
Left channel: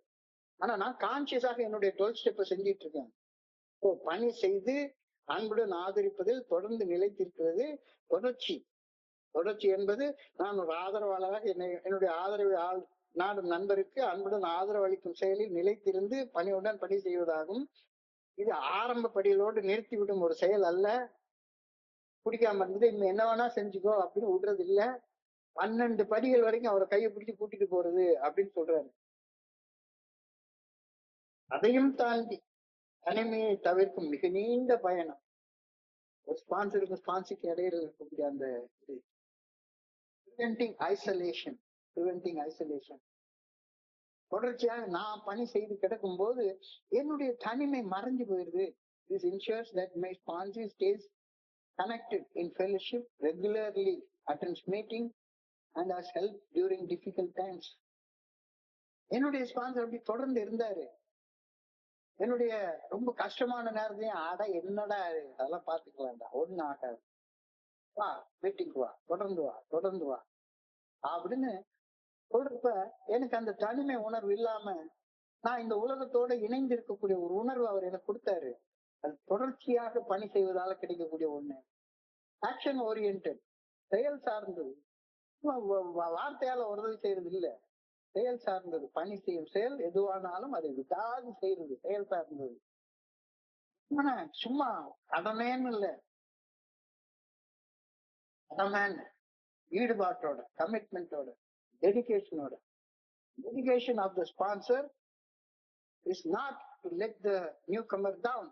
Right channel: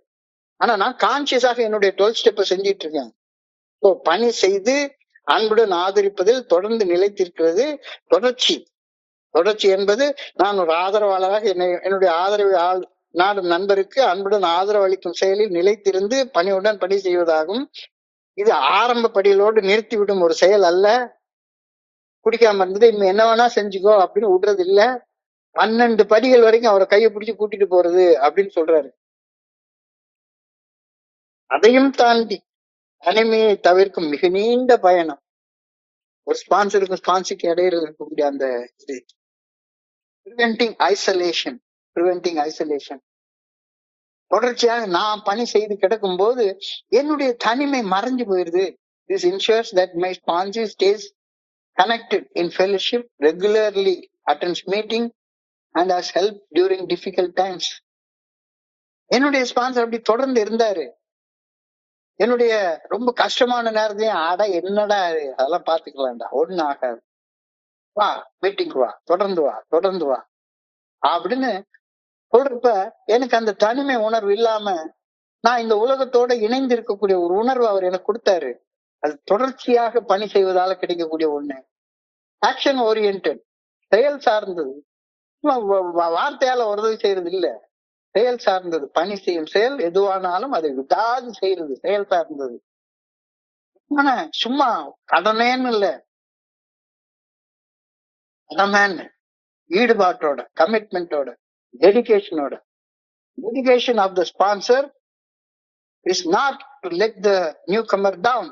ஆனா நான் கான்சியஸாக என்னுடைய 12 ஸ்டெப்பை செஞ்சிட்டு இருக்கேன். பணி செய்து அன்புடன் ஆதரிப்பதில் தொடர்ந்து நிலைத்திருக்கிறது தொடர்ச்சி என்பது நான் ஒரு ஆதரவாளராக என்னுடைய ஆதரவை நாடும் நண்பருக்கு அன்புடன் ஆதரவு அளிக்கும் செயலில் நிலைத்திருந்து பணியுடன் பணி செய்வதாகும். இது ஆரம்ப படிகளோடு நிறுத்திவிடும் ஒரு செயல் அல்ல. குடிக்காம இருந்தது இன்னும் என்ன வேணா செஞ்சுக்கோ அப்படின்னு விடுறது இல்ல. 12 படிகள் வரைக்கும் அவரை கையை பிடிச்சு கூட்டிட்டு போறது அப்படின்னு சொல்றாரு. அதையும் தாண்டி தனிமையை தவிர்க்கும் மிக நீண்ட பயணம். ஒரு ஸ்பான்சருக்கு இடையில இருக்கக்கூடிய அந்த இது preventing isolation. தொடர்ச்சியாக நான் பணி செய்து கிடக்கும் போது என்னுடைய தனிமை மறைஞ்சு போயிருது. This ensures that my sponsor stays connected in fellowship, regularly attends meeting and has helped during difficult times. என்னுடைய ஸ்பான்சர் அப்படி தொடர்ந்து இருந்தாரு. என்னுடைய ரொம்ப கஷ்டமான நேரத்தையும் என்னடா அதெல்லாம் பாத்துக்கலாம்டா, ஒண்ணு ஆகாது, வா மீட்டிங் வா, தொடர்ந்து வா அப்படின்னு சொல்றப்ப எனக்கு அந்த தனிமை உணர்வு இல்லாம நான் இந்த உலகத்தோட இணைந்து இருக்கக்கூடிய ஒரு உணர்வு அவர் எனக்கு கொடுத்தாரு. அது தொடர்ச்சியாக பணி செய்வதால கிடைக்கக்கூடிய ஒண்ணு. ஆக்ஷன் ஓரியன்டட், செயல் சார்ந்தது. வார்த்தையால உதவி செய்யறது இல்ல, செயல் சார்ந்தது. பணி செய்யும் செயல் எதுவானாலும் அதை விடாது செய்யறது செயல் சார்ந்தது. சும்மா கடனேன்னு இல்ல, கடமைன்னு ஈடுபாட்டோட, கமிட்மெண்டோட, டெடிகேஷனோட. Dedication of the sponsor is not to let the newcomer down.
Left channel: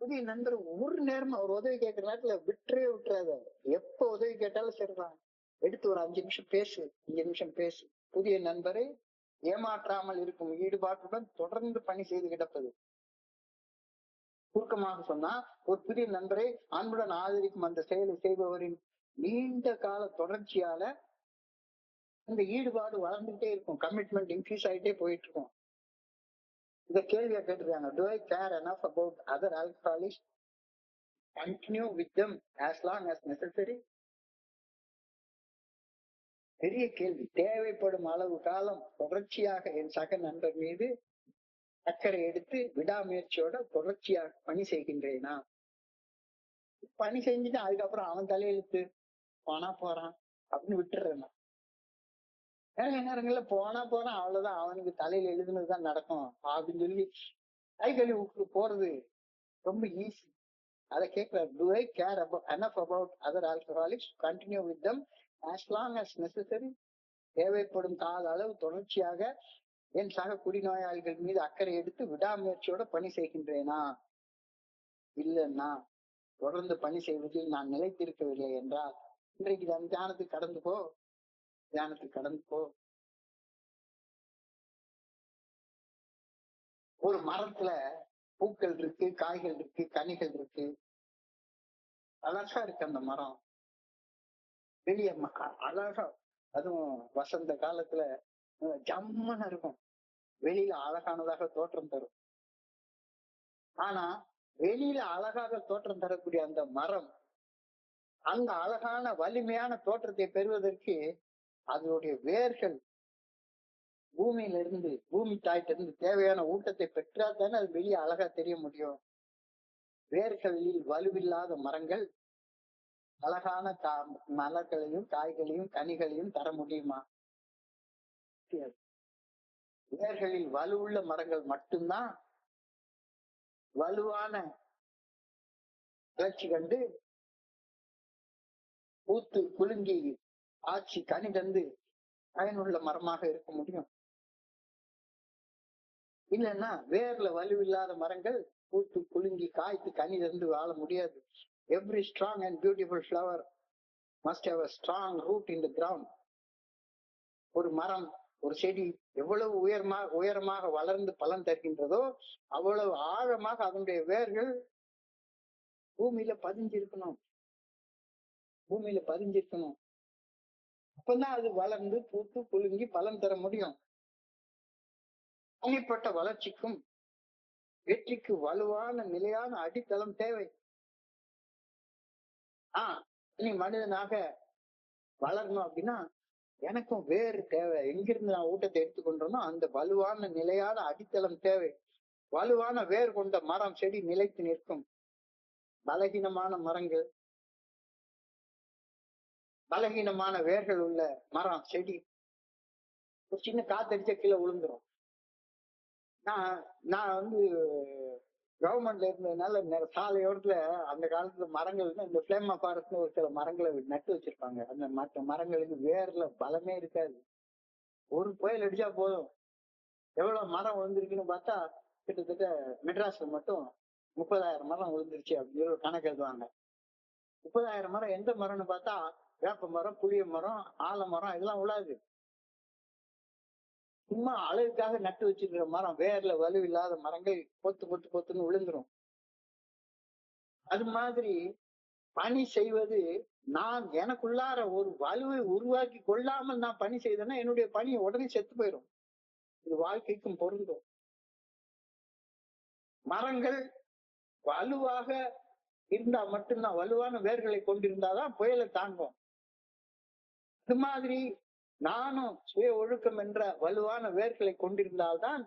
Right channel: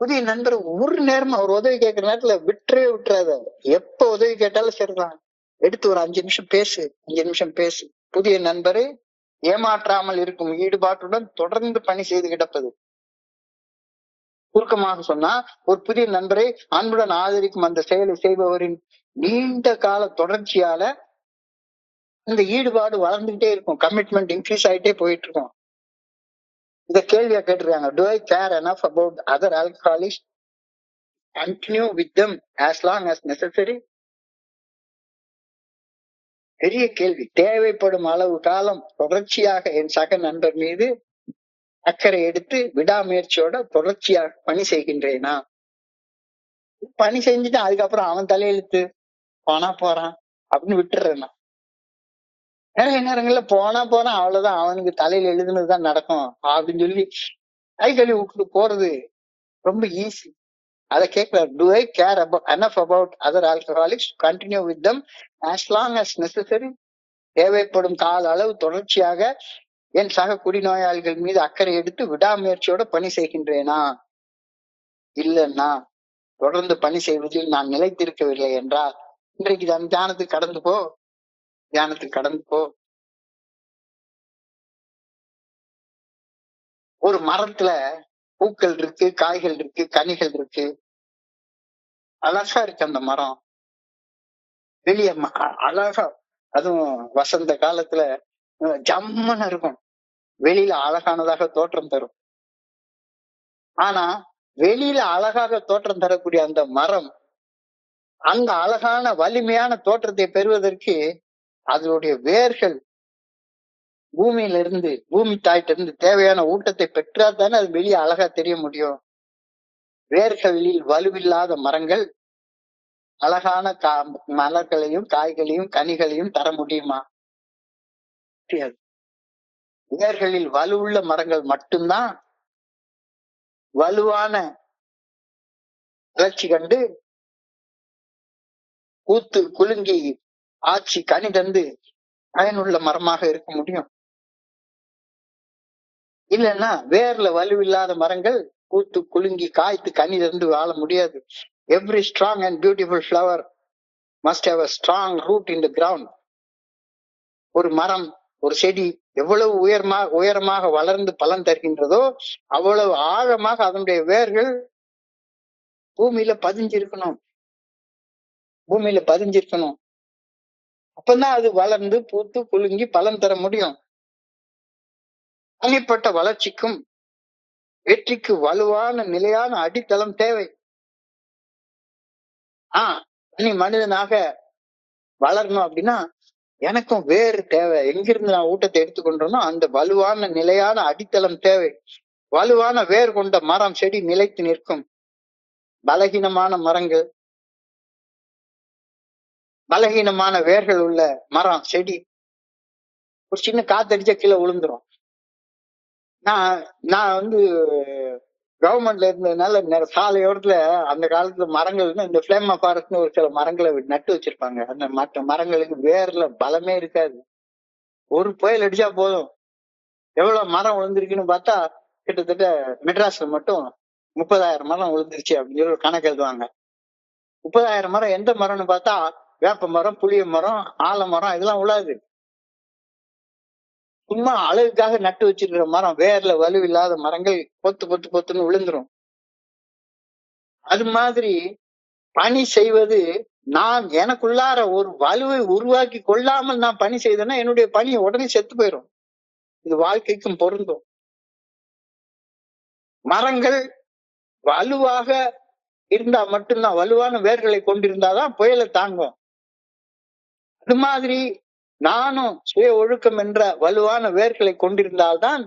புதிய நண்பர் ஒரு நேரமா அவர் உதவி கேட்கிற நேரத்துல விட்டுறாத. எப்ப உதவி கேட்டாலும் சரிதான், எடுத்து ஒரு 5 நிமிஷம் பேசு, 5 நிமிஷம் பேசு. புதிய நண்பரை ஏமாற்றாமல் இருக்கும் ஈடுபாட்டுடன் தொடர்ந்து பணி செய்து கிடப்பது. சுருக்கமாக சொன்னா, ஒரு புதிய நண்பரை அன்புடன் ஆதரிக்கும் அந்த செயலை செய்பவரின் நீண்ட கால தொடர்ச்சியால இந்த ஈடுபாடு வளர்ந்துகிட்டே இருக்கும், கமிட்மெண்ட் இன்க்ரீஸ் ஆயிட்டே போயிட்டு இருக்கும். இத கேள்வியா கேட்டிருக்காங்க. Do I care enough about other alcoholics? Continue with them as long as necessary? பெரிய கேள்வி. தேவைப்படும் அளவு காலம் தொடர்ச்சியாக என் சக நண்பர் மீது அக்கறை எடுத்து விடாமுயற்சியோட தொடர்ச்சியாக பணி செய்கின்றேனா? பணி செஞ்சுட்டு அதுக்கப்புறம் அவன் தலையெழுத்து, போனா போறான் அப்படின்னு விட்டுறேன்னா. நிறைய நேரங்கள்ல போனா போறான், அவ்வளவுதான், அவனுக்கு தலையில எழுதுனதுதான் நடக்கும் அப்படின்னு சொல்லி கை கழுவி விட்டு போறது ரொம்ப ஈஸி. அதை கேட்கிறார். Do I care enough about other alcoholics to continue with them as long as necessary? தேவைப்படும் கால அளவு தொடர்ச்சியாக என் சக குடிநோயாளிகள் மீது அக்கறை எடுத்து விடாமுயற்சியோட பணி செய்கின்றேனா? இல்லைன்னா தொடர்ந்து பணி செய்வதில் நான் நிலைத்திருக்கவில்லை என்றால் இன்றைக்கு தியானத்துக்கு கடந்து போ, தியானத்துக்கு கடந்து போ. ஒரு மரத்துல பூக்கள் இருக்கு, காய்கள் இருக்கு, கனிகள் இருக்கு, அழகா இருக்கு அந்த மரம். வெளிய அழகா, அதுவும் வசந்த காலத்துல ஜம்மன்னு இருக்கும், வெளியில அழகானதாக தோற்றம் தரும். ஆனா வெளியில அழகாக தோற்றம் தரக்கூடிய அந்த மரம் அந்த அழகான வலிமையான தோற்றத்தை பெறுவதற்கு அதனுடைய வேர்கள் பூமியில இருந்து, பூமி தாயிட்ட இருந்து தேவையான ஊட்டத்தை பெற்றா தானே அது வெளியே அழகா தெரிய முடியும். வேர்களில் வலுவில்லாத மரங்கள் அழகான மலர்களையும் காய்களையும் கனிகளையும் தர முடியுமா? முடியாது. வேர்களில் வலுவுள்ள மரங்கள் மட்டும்தான் வலுவான வளர்ச்சி கண்டு பூத்து குலுங்கி ஆட்சி கனி தந்து பயனுள்ள மரமாக இருக்க முடியும். இல்லைன்னா வேர்ல வலுவில்லாத மரங்கள் பூத்து குலுங்கி காய்த்து கனி தந்து வாழ முடியாது. Every strong and beautiful flower must have a strong root in the ground. ஒரு மரம், ஒரு செடி எவ்வளவு உயரமாக வளர்ந்து பலன் தருகின்றதோ அவ்வளவு ஆழமாக அதனுடைய வேர்கள் பூமியில பதிஞ்சிருக்கணும், பூமியில பதிஞ்சிருக்கணும். அப்பதான் அது வளர்ந்து பூத்து குலுங்கி பலன் தர முடியும். தனிப்பட்ட வளர்ச்சிக்கும் வெற்றிக்கு வலுவான நிலையான அடித்தளம் தேவை. நீ மனிதனாக வளரணும் அப்படின்னா எனக்கும் வேறு தேவை. எங்கிருந்து நான் ஊட்டத்தை எடுத்துக்கொண்டோனோ அந்த வலுவான நிலையான அடித்தளம் தேவை. வலுவான வேர் கொண்ட மரம் செடி நிலைத்து நிற்கும். பலகீனமான மரங்கள், பலகீனமான வேர்கள் உள்ள மரம் செடி ஒரு சின்ன காத்தடிச்சா கீழே விழுந்துரும். நான் வந்து கவர்மெண்ட்ல இருந்ததுனால சாலையோரத்துல அந்த காலத்துல மரங்கள் இந்த பிளேமா ஃபாரஸ்ட்னு ஒரு சில மரங்களை நட்டு வச்சிருப்பாங்க. அந்த மற்ற மரங்களுக்கு வேர்ல பலமே இருக்காது. ஒரு புயல் அடிச்சா போதும் எவ்வளவு மரம் விழுந்திருக்குன்னு பார்த்தா கிட்டத்தட்ட மெட்ராஸ்ல மட்டும் 30,000 மரம் விழுந்துருச்சு அப்படின்னு சொல்லி ஒரு கணக்கு எழுதுவாங்க. 30,000 மரம் எந்த மரம்னு பார்த்தா வேப்ப மரம், புளிய மரம், ஆலமரம் இதெல்லாம் விழாது. சும்மா அழகுக்காக நட்டு வச்சிருக்கிற மரம், வேர்ல வலுவில்லாத மரங்கள் பொத்துன்னு விழுந்துரும். அது மாதிரி பணி செய்வது, நான் எனக்குள்ளார ஒரு வலுவை உருவாக்கி கொள்ளாமல் நான் பணி செய்தேன்னா என்னுடைய பணி உடனே செத்து போயிடும். இது வாழ்க்கைக்கும் பொருந்தும். மரங்கள் வலுவாக இருந்தா மட்டும்தான், வலுவான வேர்களை கொண்டிருந்தாதான் புயலை தாங்கும். அது மாதிரி நானும் சுய ஒழுக்கம் என்ற வலுவான வேர்களை கொண்டிருந்தால்தான்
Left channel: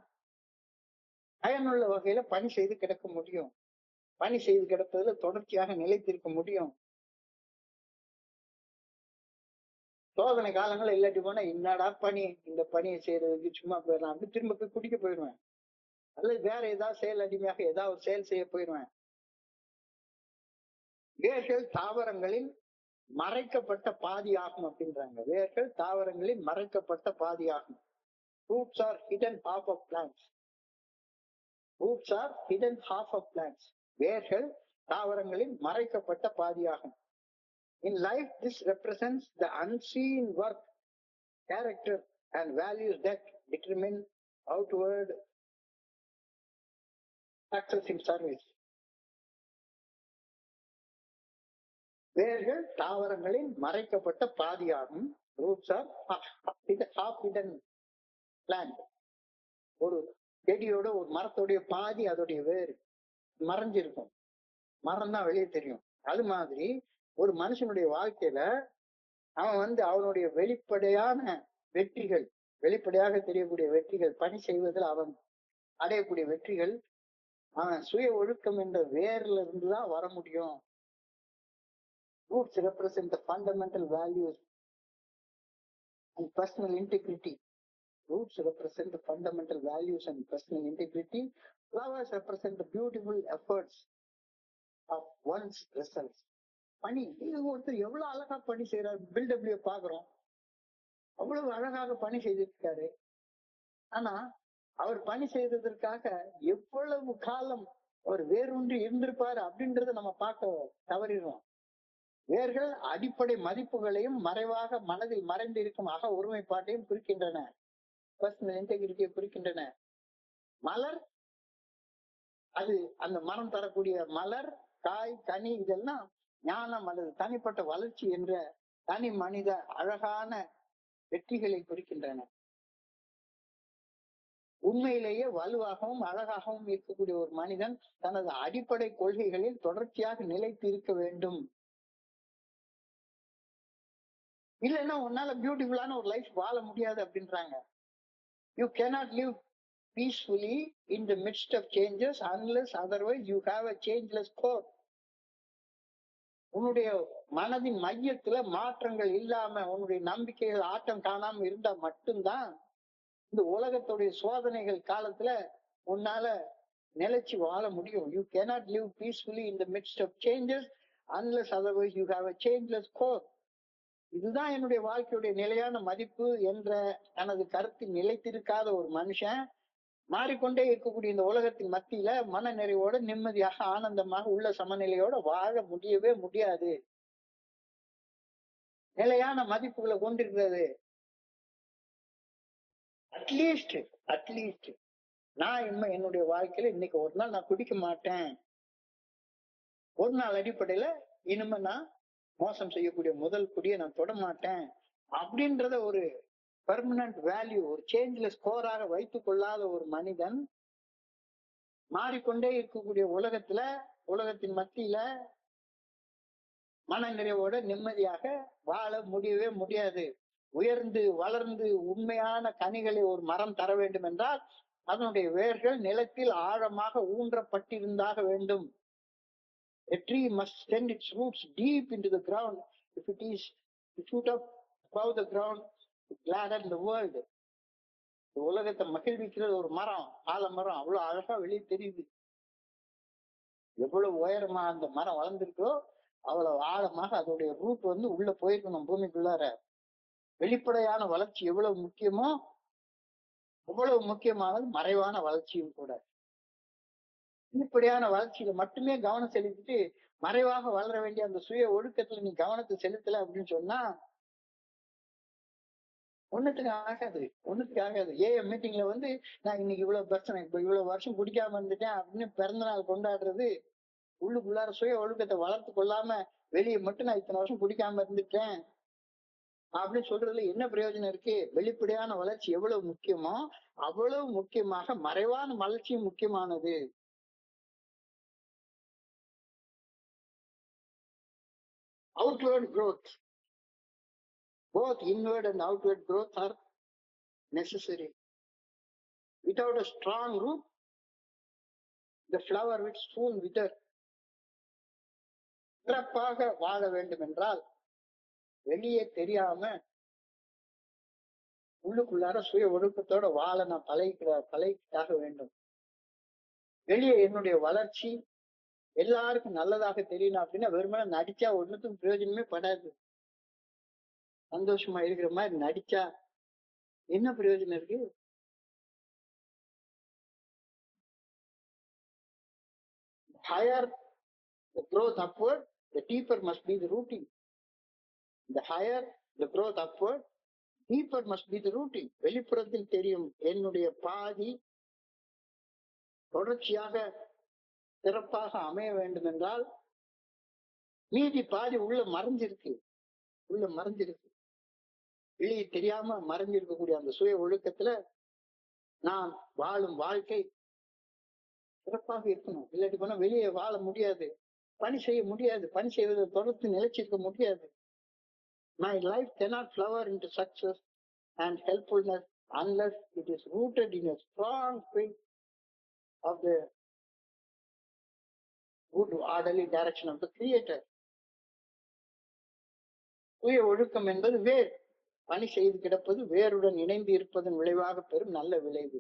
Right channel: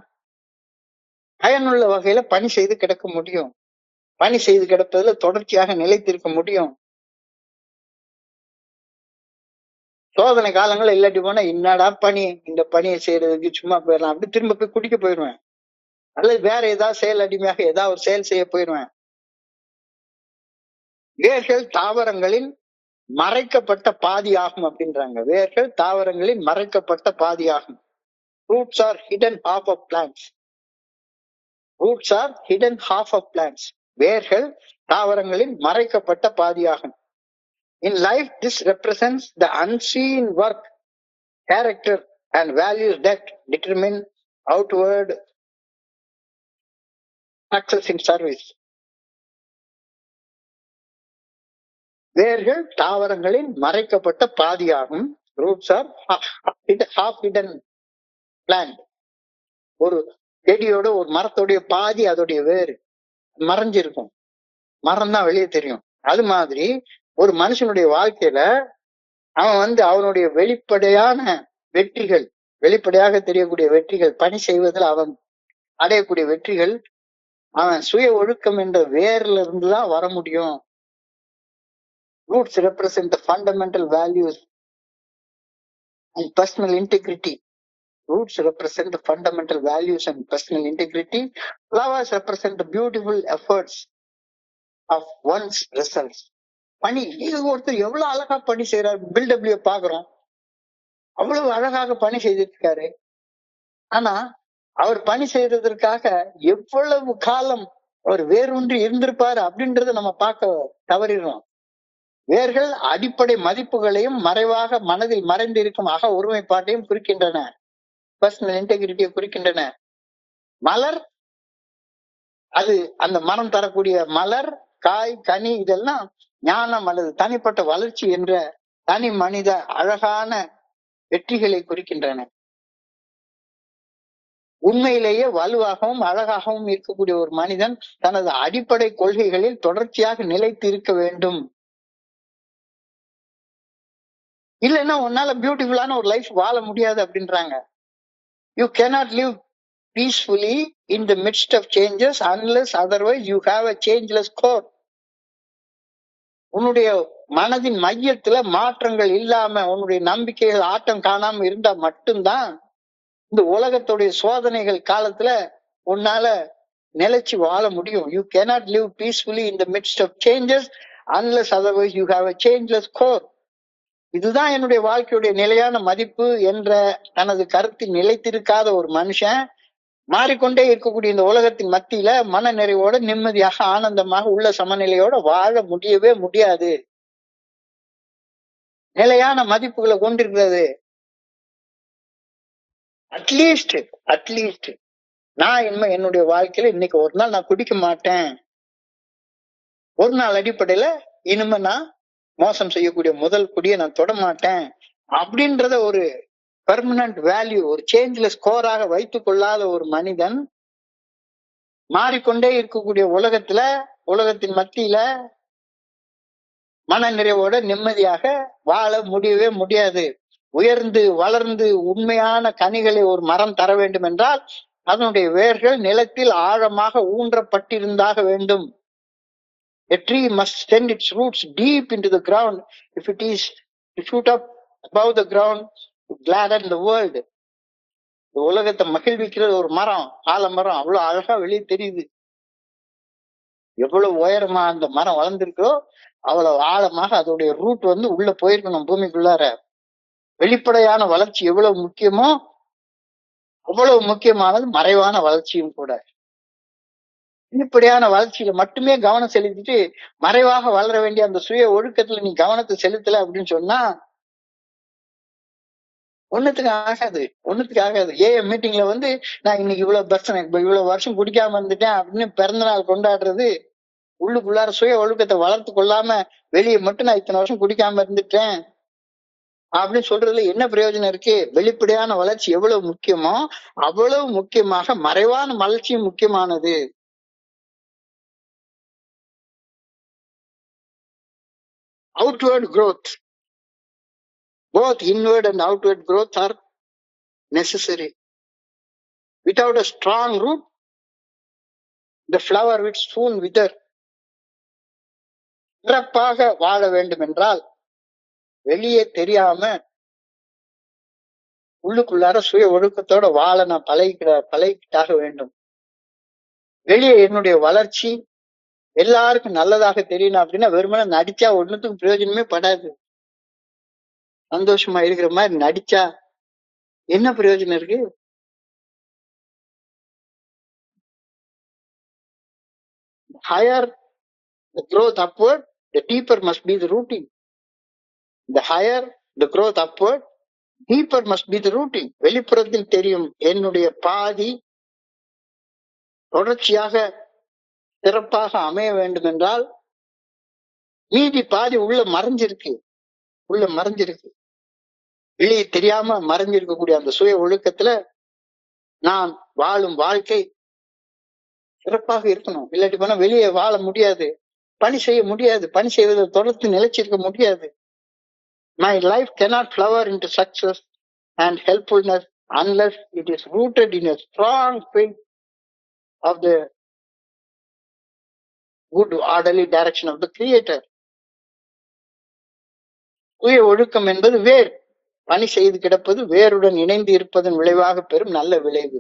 பயனுள்ள வகையில பணி செய்து கிடக்க முடியும். பணி செய்து கிடப்பதுல தொடர்ச்சியாக நிலைத்திருக்க முடியும். சோதனை காலங்கள் இல்லாட்டி போனா என்னடா பணி, இந்த பணியை செய்யறதுக்கு சும்மா போயிடலாம் அப்படி திரும்ப போய் குடிக்க போயிடுவேன், அல்லது வேற ஏதாவது செயல் அடிமையாக ஏதாவது ஒரு செயல் செய்ய போயிடுவேன். வேர்கள் தாவரங்களின் மறைக்கப்பட்ட பாதி ஆகும் அப்படின்றாங்க. வேர்கள் தாவரங்களின் மறைக்கப்பட்ட பாதி ஆகும். Roots are hidden half of plants. Roots are hidden half of plants. வேர்கள் தாவரங்களின் மறைக்கப்பட்ட பாதியாகும். In life, this represents the unseen work, character, and values that determine outward success in service. வேர்கள் தாவரங்களின் மறைக்கப்பட்ட பாதியாகும். Roots are half hidden plant. ஒரு செடியோட ஒரு மரத்தோடைய பாதி அதோடைய வேறு மறைஞ்சிருக்கும், மரம் தான் வெளியே தெரியும். அது மாதிரி ஒரு மனுஷனுடைய வாழ்க்கையில அவன் அவனுடைய வெளிப்படையான வெற்றிகள், வெளிப்படையாக தெரியக்கூடிய வெற்றிகள், பணி செய்வதில் அவன் அடையக்கூடிய வெற்றிகள் அவன் சுய ஒழுக்கம் என்ற வேர்ல இருந்துதான் வர முடியும். Roots represent the fundamental values and personal integrity. Roots represent the fundamental values and personal integrity. Flowers represent the beautiful efforts of one's results. பணி, இது ஒருத்தர் எவ்வளவு அழகா பணி செய்யறாரு, பில்டபிள்யூ பாக்குறோம், அவ்வளவு அழகாக பணி செய்திருக்காரு. ஆனா அவர் பணி செய்யறதற்காக எவ்வளவு காலம் அவர் வேரூன்றி இருந்திருப்பாரு அப்படின்றத நம்ம பார்க்க தவறிடுறோம். வேர்கள் அடிப்படை மதிப்புகளையும் மறைவாக மனதில் மறைந்திருக்கும் அக ஒருமைப்பாட்டையும் குறிக்கின்றன, பர்சனல் இன்டெகிரிட்டியை குறிக்கின்றன. மலர், அது அந்த மரம் தரக்கூடிய மலர், காய், கனி, இதெல்லாம் ஞானம் அல்லது தனிப்பட்ட வளர்ச்சி என்ற தனி மனித அழகான வெற்றிகளை குறிக்கின்றன. உண்மையிலேயே வலுவாகவும் அழகாகவும் இருக்கக்கூடிய ஒரு மனிதன் தனது அடிப்படை கொள்கைகளில் தொடர்ச்சியாக நிலைத்து இருக்க வேண்டும். இல்லைன்னா உன்னால பியூட்டிஃபுல்லான ஒரு லைஃப் வாழ முடியாது அப்படின்றாங்க. You cannot live peacefully in the midst of changes unless otherwise you have a changeless core. உன்னுடைய மனதின் மையத்துல மாற்றங்கள் இல்லாம உன்னுடைய நம்பிக்கைகள் ஆட்டம் காணாம இருந்தா மட்டும்தான் இந்த உலகத்துடைய சோதனைகள் காலத்துல உன்னால நிலைச்சு வாழ முடியும். You cannot live peacefully in the midst of changes unless otherwise you have a changeless core. இதுதான் என்னுடைய வாழ்க்கையுடைய நிலையான மதிப்பு என்ற தனது கருத்தில் நிலைத்திருக்காத ஒரு மனுஷன் மாறிக்கொண்டே இருக்கக்கூடிய இந்த உலகத்தின் மத்தியில மன நிறைவோட நிம்மதியாக ஆனந்தமாக உள்ள சமநிலையோட வாழ முடியவே முடியாது. நிலையான மதிப்புகளை கொண்டிருக்கிறது. அட்லீஸ்ட் நான் என்னுடைய வாழ்க்கையில இன்னைக்கு ஒரு நாள் நான் குடிக்க மாட்டேன், ஒரு நாள் அடிப்படையில இனிமே நான் மோசம் செய்யக்கூடிய முதல் குடியை நான் தொட மாட்டேன் அப்படின்றத ஒரு பெர்மனன்ட் வேல்யூ, ஒரு சேஞ்ச்லெஸ் ஸ்கோராக வைத்துக் கொள்ளாத ஒரு மனிதன் மாறிக்கொண்டே இருக்கக்கூடிய உலகத்தின் மத்தியில மன நிறைவோட நிம்மதியாக வாழ முடியவே முடியாது. உயர்ந்து வளர்ந்து உண்மையான கனிகளை ஒரு மரம் தர வேண்டும் என்றால் அதனுடைய வேர்கள் நிலத்தில் ஆழமாக ஊன்றப்பட்டிருந்தாக வேண்டும். A tree must send its roots deep into the ground if it is to shoot up above the ground to gladden the world. உலகத்தை மகிழ்விக்கிற ஒரு மரம், ஆலமரம் அவ்வளவு அழகா வெளியே தெரியுது. எவ்வளவு உயரமா அந்த மரம் வளர்ந்திருக்கோ அவ்வளவு ஆழமாக அதோடைய ரூட் உள்ள போயிருக்கணும் பூமிக்குள்ளார. வெளிப்படையான வளர்ச்சி எவ்வளவு முக்கியமோ அவ்வளவு முக்கியமானது மறைவான வளர்ச்சியும் கூட. வெளிப்படையான வளர்ச்சியில மட்டுமே கவனம் செலுத்திட்டு மறைவாக வளர வேண்டிய அந்த சுய ஒழுக்கத்துல நீ கவனத்தை செலுத்தல அப்படின்னு சொன்னா ஒண்ணுத்துக்கு ஆகாது. மீட்டிங்ல நான் இன்னைக்கு இவ்வளவு வருஷம் குடிக்காம இருந்துட்டேன் அப்படின்னு பிறந்த நாள் கொண்டாடுறது, உள்ளுக்குள்ளார சுய ஒழுக்கத்தை வளர்த்து கொள்ளாம வெளியே மட்டும் நான் இத்தனை வருஷம் குடிக்காம இருந்துட்டேன் அப்படின்னு சொல்றதுல என்ன பிரயோஜனம் இருக்கு? வெளிப்படையான வளர்ச்சி எவ்வளவு முக்கியமோ அவ்வளவு முக்கியமாக மறைவான வளர்ச்சியும் முக்கியமானது. Outward growth, both inward and outward growth are necessary. Without a strong root, the flower will soon wither. சிறப்பாக வாழ வேண்டும் என்றால் வெளியே தெரியாம உள்ளுக்குள்ளார சுய ஒழுக்கத்தோட வாழ நான் பழகிக்கிட்டாக வேண்டும். வெளியே என்னுடைய வளர்ச்சி எல்லாருக்கும் நல்லதாக தெரியணும் அப்படின்னா வெறுமனே நடிச்சா ஒண்ணுத்துக்கும் பிரயோஜனமே படாது. சந்தோஷமா இருக்கிற மாதிரி நடிச்சா என்ன பிரயோஜனம் இருக்கு? higher the growth upward, the deeper must be the rooting. The higher the growth upward, deeper must be the rooting. வெளிப்புறத்தில் தெரியும் என்னுடைய பாதி தொடர்ச்சியாக சிறப்பாக அமைய வேண்டும் என்றால் மீதி பாதி உள்ள மறைஞ்சிருக்கு. வெளியே தெரியாம மறைஞ்சிருக்கக்கூடிய அந்த சுய ஒழுக்கத்துல நான் வாழும் வாழ்க்கை சிறப்பாக இருக்கணும். இல்லாட்டி போனா வெளியே வாழ முடியாது, பணி செய்ய முடியாது, பணி செய்வதை தொடர்ந்து நிலைச்சிருக்க முடியாது. My life cannot flower into success and helpfulness unless it is rooted in a strong faith of the good orderly direction of the Creator. சுய ஒழுக்கம் என்பது வேர். பணி செய்து கிடப்பது வேருடன் இணைந்து இருப்பதன் விளைவாக பெறும் நல்ல விளைவு.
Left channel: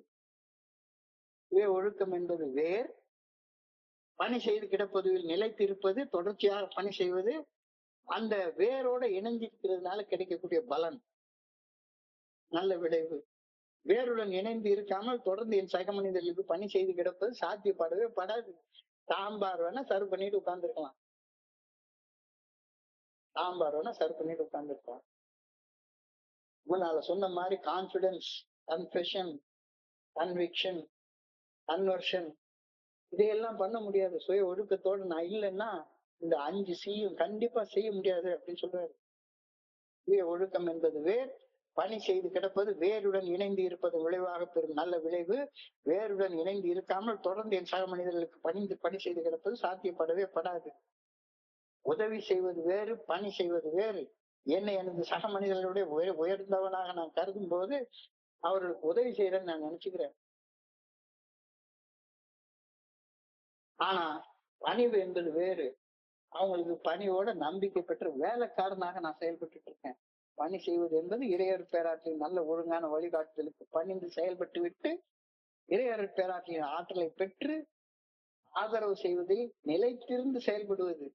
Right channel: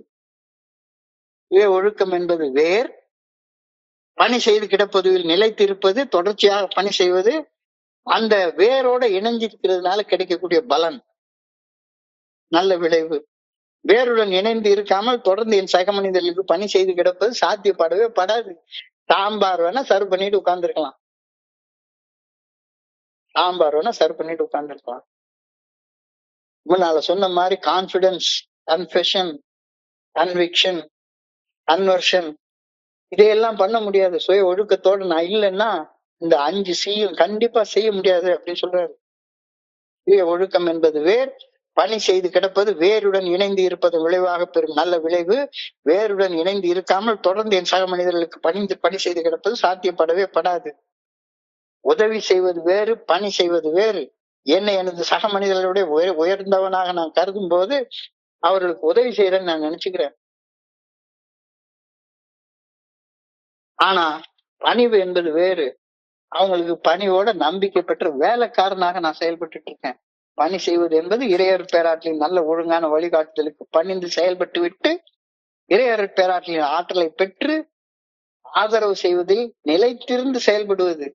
சுய ஒழுக்கம் என்பது வேர். பணி செய்து கிடப்பதில் நிலைத்திருப்பது, தொடர்ச்சியாக பணி செய்வது, அந்த வேரோட இணைஞ்சிருக்கிறதுனால கிடைக்கக்கூடிய பலன், நல்ல விளைவு. வேருடன் இணைந்து இருக்காமல் தொடர்ந்து என் சக மனிதர்களுக்கு பணி செய்து கிடப்பது சாத்தியப்படவே படாது. சாம்பார் வேணா சர்வ் பண்ணிட்டு உட்கார்ந்துருக்கலாம், முன்னால சொன்ன மாதிரி கான்பிடன்ஸ், கன்ஃபெஷன், கன்விக்ஷன், கன்வர்ஷன் இதையெல்லாம் பண்ண முடியாது. சுய ஒழுக்கத்தோடு நான் இல்லைன்னா இந்த 5 Cயும் கண்டிப்பா செய்ய முடியாது அப்படின்னு சொல்றாரு. சுய ஒழுக்கம் என்பது வேர். பணி செய்து கிடப்பது வேருடன் இணைந்து இருப்பது விளைவாக பெறும் நல்ல விளைவு. வேருடன் இணைந்து இருக்காமல் தொடர்ந்து என் சக மனிதர்களுக்கு பணி செய்து கிடப்பது சாத்தியப்படவே படாது. உதவி செய்வது வேறு, பணி செய்வது வேறு. என்னை எனது சக மனிதர்களுடைய உயர்ந்தவனாக நான் கருதும் போது அவர்களுக்கு உதவி செய்யறேன்னு நான் நினைச்சுக்கிறேன். ஆனா பணிவு என்பது வேறு. அவங்களுக்கு பணியோட நம்பிக்கை பெற்ற வேலைக்காரனாக நான் செயல்பட்டு இருக்கேன். பணி செய்வது என்பது இறையர் பேராற்றலின் நல்ல ஒழுங்கான வழிகாட்டுதலுக்கு பணிந்து செயல்பட்டு விட்டு இறையர் பேராற்றலின் ஆற்றலை பெற்று ஆதரவு செய்வதில் நிலைத்திருந்து செயல்படுவது.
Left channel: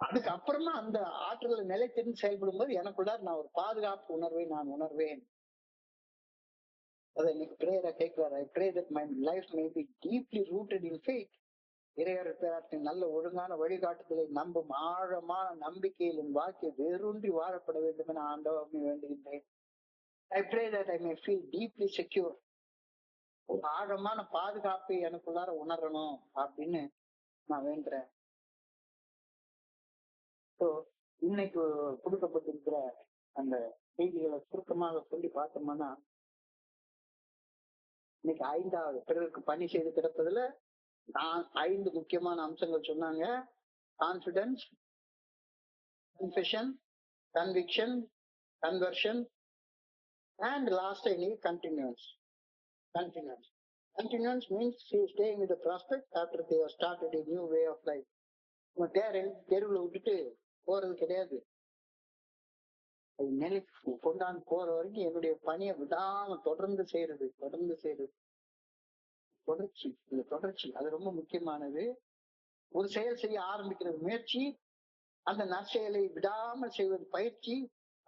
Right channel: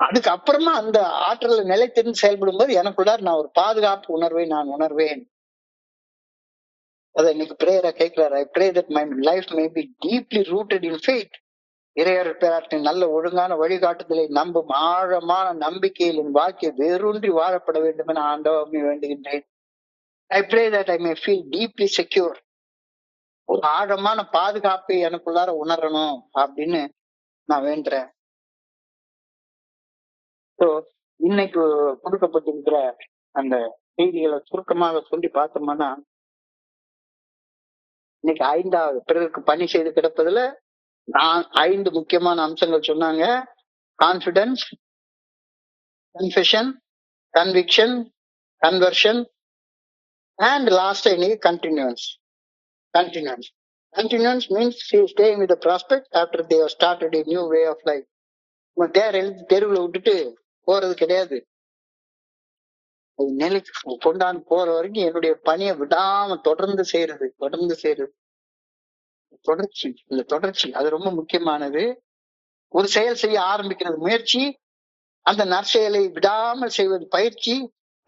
அதுக்கு அப்புறமா அந்த ஆற்றலை நிலைத்திருந்து செயல்படும் போது எனக்குள்ளார் நான் ஒரு பாதுகாப்பு உணர்வை நான் உணர்வேன். அதை இன்னைக்கு பிரேயரா கேட்கிறார். I pray that my life may be deeply rooted in faith. இறையர் பேராற்றின் நல்ல ஒழுங்கான வழிகாட்டுதலை நம்பும் ஆழமான நம்பிக்கையில் என் வாழ்க்கை வேரூன்றி வாழப்பட வேண்டும் என ஆண்டவரை வேண்டுகின்றேன். I pray that I may feel deeply secure. ஒரு ஆழமான பாதுகாப்பை எனக்குள்ளார உணரணும் அப்படின்னு நான் வேண்டுறேன். இன்னைக்கு கொடுக்கப்பட்டிருக்கிற அந்த செய்திகளை சுருக்கமாக சொல்லி பார்த்தோம்னா, இன்னைக்கு 5வது பிறருக்கு பணி செய்து கிடப்பதுல 5 முக்கியமான அம்சங்கள் சொன்னாங்க. Confidence, confession, conviction, conversion and last இன்னைக்கு continuance. Continuance means staying with the prospect after they have started a new way of life. தெருவுல விட்டுட்டு போறது கிடையாது. நிலைக்கு கொண்டாந்து போற வரைக்கும் என்னுடைய பணியை விடாம தொடர்ந்து செய்யறது. இந்த தொடர்ச்சி அது ரொம்ப முக்கியமானது. ஒரு செயல் செய்ய ஆரம்பிக்கிறது முயற்சி, அந்த நற்செயலை விடாமல் செய்வது பயிற்சி,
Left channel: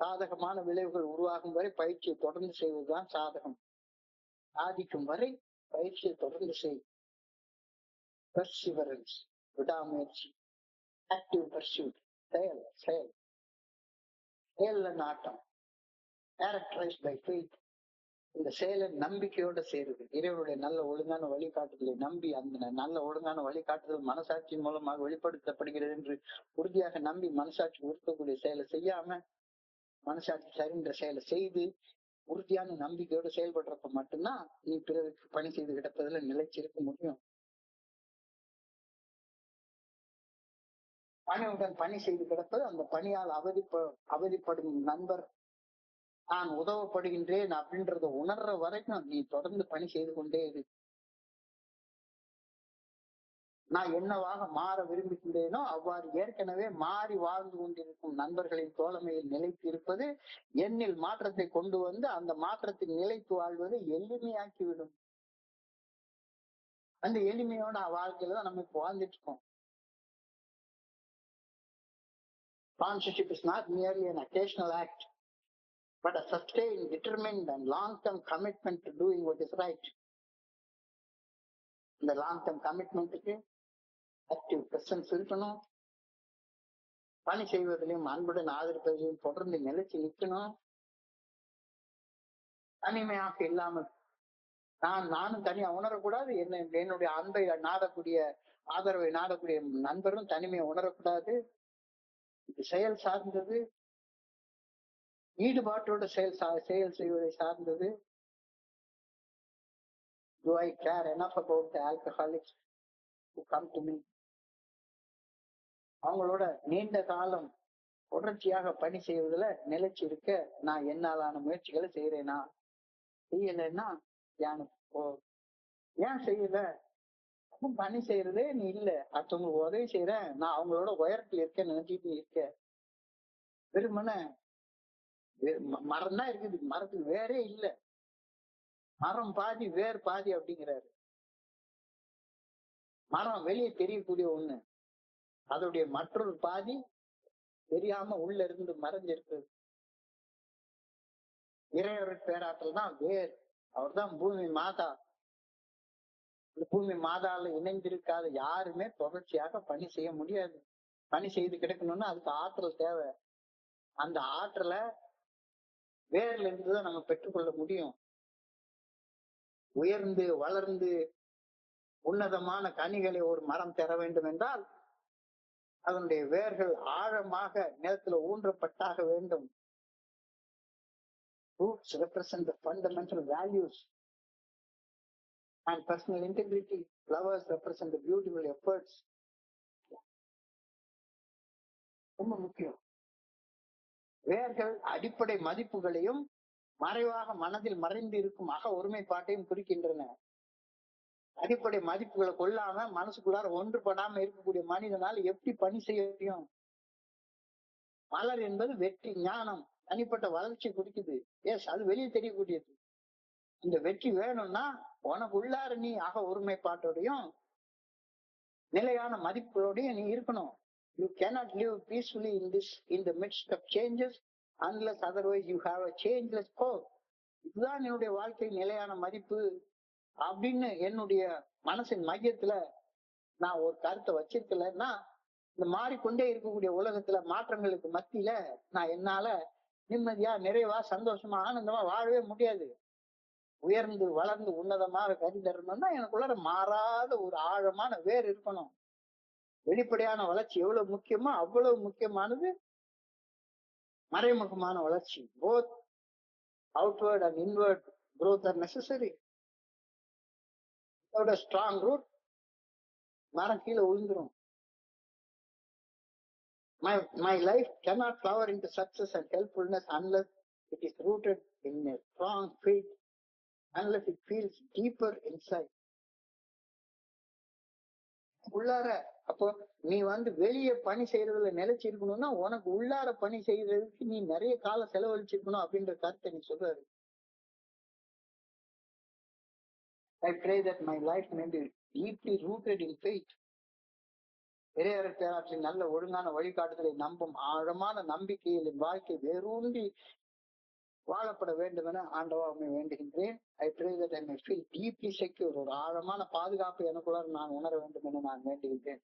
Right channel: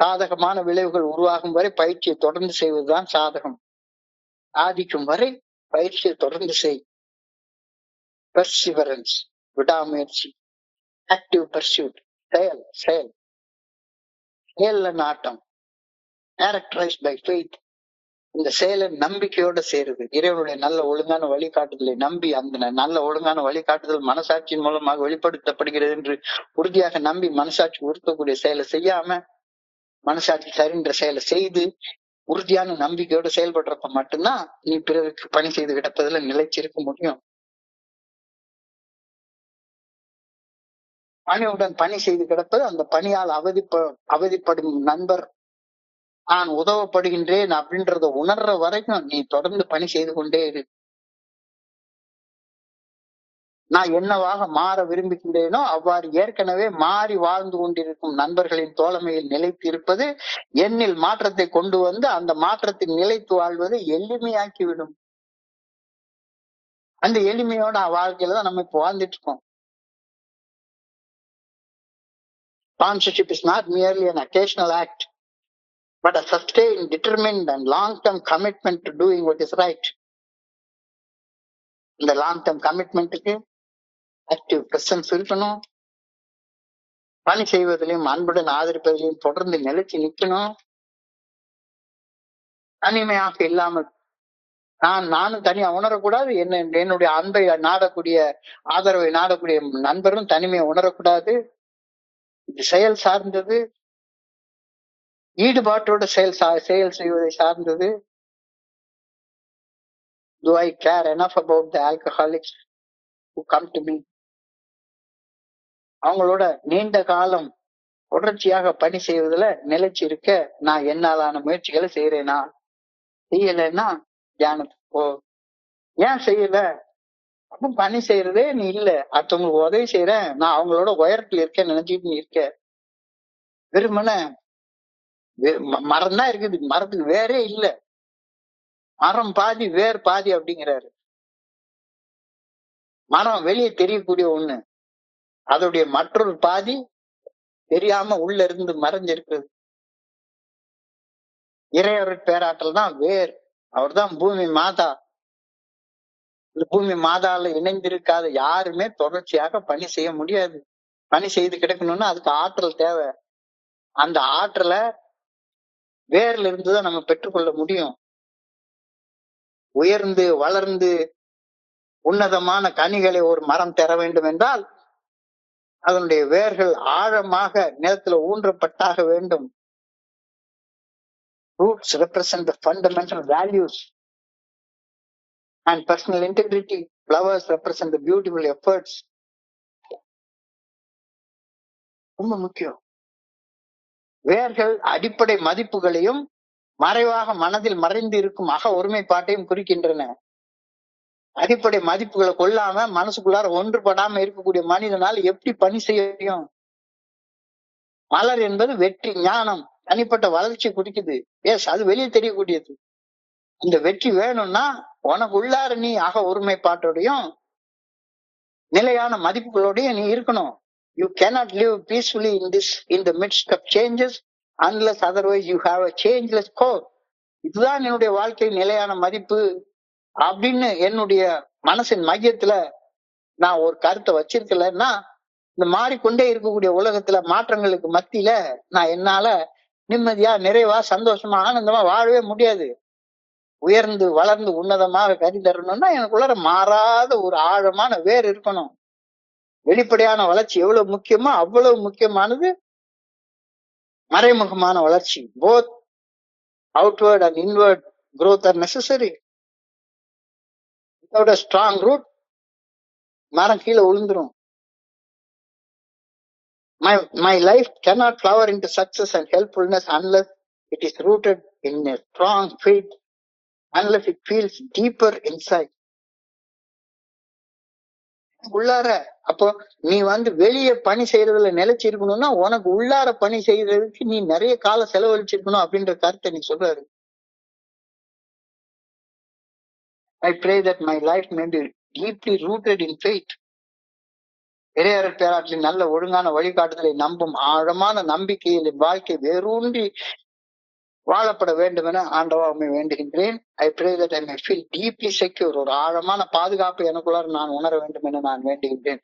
சாதகமான விளைவுகள் உருவாகும் வரை பயிற்சியை தொடர்ந்து செய்வதுதான் சாதகம். சாதிக்கும் வரை பயிற்சியை தொடர்ந்து செய். பெர்சிவரன்ஸ், விடாமுயற்சி, ஆக்டிவ் பர்சியூட், செயல்ல நாட்டம், கேரக்டரைஸ்ட் பை ஃபெய்த். இந்த செயலை நம்பிக்கையோட சேருது. இறைவனுடைய நல்ல ஒழுங்கான வழிகாட்டுதலை நம்பி, அந்த நல்ல ஒழுங்கான வழிகாட்டுதல் மனசாட்சியின் மூலமாக வெளிப்படுத்தப்படுகிறது என்று உறுதியாக நம்பி மனசாட்சி உறுத்தக்கூடிய செயலை செய்யாம மனசாட்சி சரின்ற செயலை செய்து உறுதியான நம்பிக்கையோட செயல்படுறப்ப மட்டும்தான் நீ பிறருக்கு பணி செய்து கிடப்பதுல நிலைச்சிருக்க முடியும். பணியுடன் பணி செய்து கிடப்பது, அந்த பணியால் அவதிப்படும் நண்பர் நான் உதவப்படுகின்றேன் அப்படின்றத உணர்ற வரைக்கும் நீ தொடர்ந்து பணி செய்து கொண்டே இரு. நான் என்னவாக மாற விரும்புகின்றேனோ அவ்வாறு ஏற்கனவே மாறி வாழ்ந்து கொண்டிருக்கும் நண்பர்களின் தோழமையில் நிலைத்து இருப்பது என்னில் மாற்றத்தை கொண்டு வந்து அந்த மாற்றத்தில் நிலைத்து வாழ்வதை எளிமையாக்கிவிடும். அந்த எளிமையோட வாழ்க்கையில தான் நம்ம இப்ப வாழ்ந்துட்டு இருக்கோம். Sponsorship is not merely an occasional act, but a sustained, determined and long-term commitment to doing what is right. இந்த லாங் டேர்ம் கமிட்மெண்ட்டுக்கு ஆக்டிவ் பிரசன்ஸ் இருக்கணும். பணி செய்வதிலையும் அன்புடன் ஆதரிப்பதிலையும் தொடர்ந்து நிலைச்சு நிற்கணும். தனிமையாக இல்லாமல் நானும் தனியா உணரக்கூடாது. என்னுடைய அன்பை நாடக்கூடிய, ஆதரவை நாடக்கூடிய நண்பரும் தனிமையை உணரக்கூடாது. இது செயல் சார்ந்தது, ஈடுபாட்டோட செயல் செய்வதை சார்ந்தது. Do I care enough about the alcoholics who come to me? அவங்களோட நீண்ட காலம் தொடர்ச்சியாக பணி செய்வதில் நிலைச்சு இருக்க நான் என்னாலான முயற்சிகளை செய்யறேனா? செய்யலைன்னா தியானத்துக்கு போ. ஏன் செய்யல? அப்ப பணி செய்யறதே நீ இல்ல. அடுத்தவங்களுக்கு உதவி செய்யறேன், நான் அவங்களோட உயரத்துல இருக்கேன்னு நினைச்சிட்டு நீ இருக்க. வெறுமனே மரம் தான் இருக்குது, மரத்துக்கு வேறே இல்ல. மரம் பாதி வேர் பாதி அப்படிங்கிறாரு. மரம் வெளியே தெரியக்கூடிய ஒண்ணு, அதோடைய மற்றொரு பாதி தெரியாம உள்ள இருந்து மறைஞ்சிருக்கிறது. இறையவர் பேராற்றல் தான் வேர். அவர் தான் பூமி மாதா. பூமி மாதால இணைந்திருக்காத யாருமே தொடர்ச்சியாக பணி செய்ய முடியாது. பணி செய்து கிடக்கணும்னா அதுக்கு ஆற்றல் தேவை. அந்த ஆற்றலை வேர்ல இருந்துதான் நம்ம பெற்றுக்கொள்ள முடியும். உயர்ந்து வளர்ந்து உன்னதமான கனிகளை ஒரு மரம் தர வேண்டும் என்றால் அதனுடைய வேர்கள் ஆழமாக நிலத்துல ஊன்றப்பட்டாக வேண்டும். Roots represent the fundamental values and personal integrity. Flowers represent the beautiful efforts. ரொம்ப முக்கியம். வேர்கள் அடிப்படை மதிப்புகளையும் மறைவாக மனதில் மறைந்து இருக்கும் அக ஒருமைப்பாட்டையும் குறிக்கின்றன. அடிப்படை மதிப்புகளை கொள்ளாம மனசுக்குள்ளார ஒன்றுபடாம இருக்கக்கூடிய மனிதனால் எப்படி பணி செய்யும்? மலர் என்பது வெற்றி, ஞானம், தனிப்பட்ட வளர்ச்சி குறிக்குது. எஸ், அது வெளியே தெரியக்கூடியது. இந்த வெற்றி வேணும்னா உனக்கு உள்ளார நீ அக ஒருமைப்பாட்டோடையும் நிலையான மதிப்புகளோடையும் நீ இருக்கணும். You cannot live peacefully in the midst of changes unless otherwise you have a changeless core. இதுதான் என்னுடைய வாழ்க்கை நிலையான மதிப்பு அப்படின்னு என்னுடைய மனசின் மையத்துல நான் ஒரு கருத்தை வச்சிருக்கலன்னா இந்த மாறிக்கொண்டே இருக்கக்கூடிய உலகத்துல மாற்றங்களுக்கு மத்தியில நான் என்னால நிம்மதியா, நிறைவா, சந்தோஷமா, ஆனந்தமா வாழவே முடியாது. உயர்ந்து வளர்ந்து உன்னதமாக கறி தரணும்னா எனக்குள்ளார மாறாத ஒரு ஆழமான வேர் இருக்கணும். வெளிப்படையான வளர்ச்சி எவ்வளவு முக்கியமோ அவ்வளவு முக்கியமானது மறைமுகமான வளர்ச்சி. Both outward and inward growth are necessary. Without a strong root, மரம் கீழே விழுந்துரும். My life cannot flower into success and helpfulness unless it is rooted in a strong faith, unless it feels deeper inside. உள்ளார அப்போ நீ வெளியே பணி செய்யறதுல நிலைச்சு இருக்கணும்னா உனக்கு உள்ளார பணி செய்யறதுக்கு நீ நிறைய காலம் செலவழிச்சிருக்கணும் அப்படின்ற கருத்தை நீ சொல்றாரு. I pray that my life may be deeply rooted in faith. இறையவர் பேராற்றின் நல்ல ஒழுங்கான வழிகாட்டுதலை நம்பும் ஆழமான நம்பிக்கையில் வாழ்க்கை வேரூன்றி வாழப்பட வேண்டும் என ஆண்டவரை வேண்டுகின்றேன். I pray that I may feel deeply secure. ஒரு ஆழமான பாதுகாப்பு எனக்குள்ளார நான் உணர வேண்டும் என நான் வேண்டுகின்றேன்.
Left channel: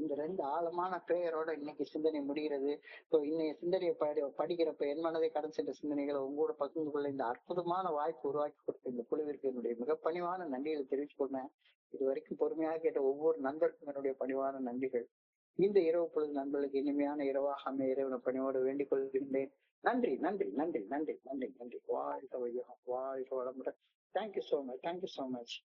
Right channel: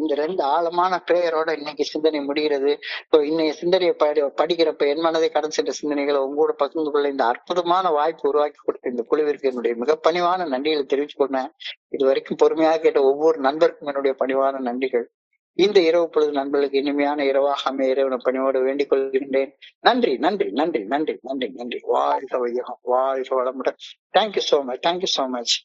இந்த 2 ஆழமான பிரேயரோட இன்னைக்கு சிந்தனை முடிகிறது. இன்னைய சிந்தனையை படிக்கிறப்ப என் மனதை கடந்து சென்ற சிந்தனைகளை உங்களோட பகிர்ந்து கொள்ள இந்த அற்புதமான வாய்ப்பு உருவாக்கி கொடுத்த இந்த குழுவிற்கு என்னுடைய மிக பணிவான நன்றிகளை தெரிவித்துக் கொண்டேன். இது வரைக்கும் பொறுமையாக கேட்ட ஒவ்வொரு நண்பருக்கும் என்னுடைய பணிவான நன்றிகள். இந்த இரவு பொழுது நண்பர்களுக்கு இனிமையான இரவாக அமைய இறைவனை பணியோடு வேண்டிக் கொள்கின்றேன். நன்றி, நன்றி, நன்றி, நன்றி, நன்றி, நன்றி. வாழ்க வையகம், வாழ்க வளமுடன். Thank you so much.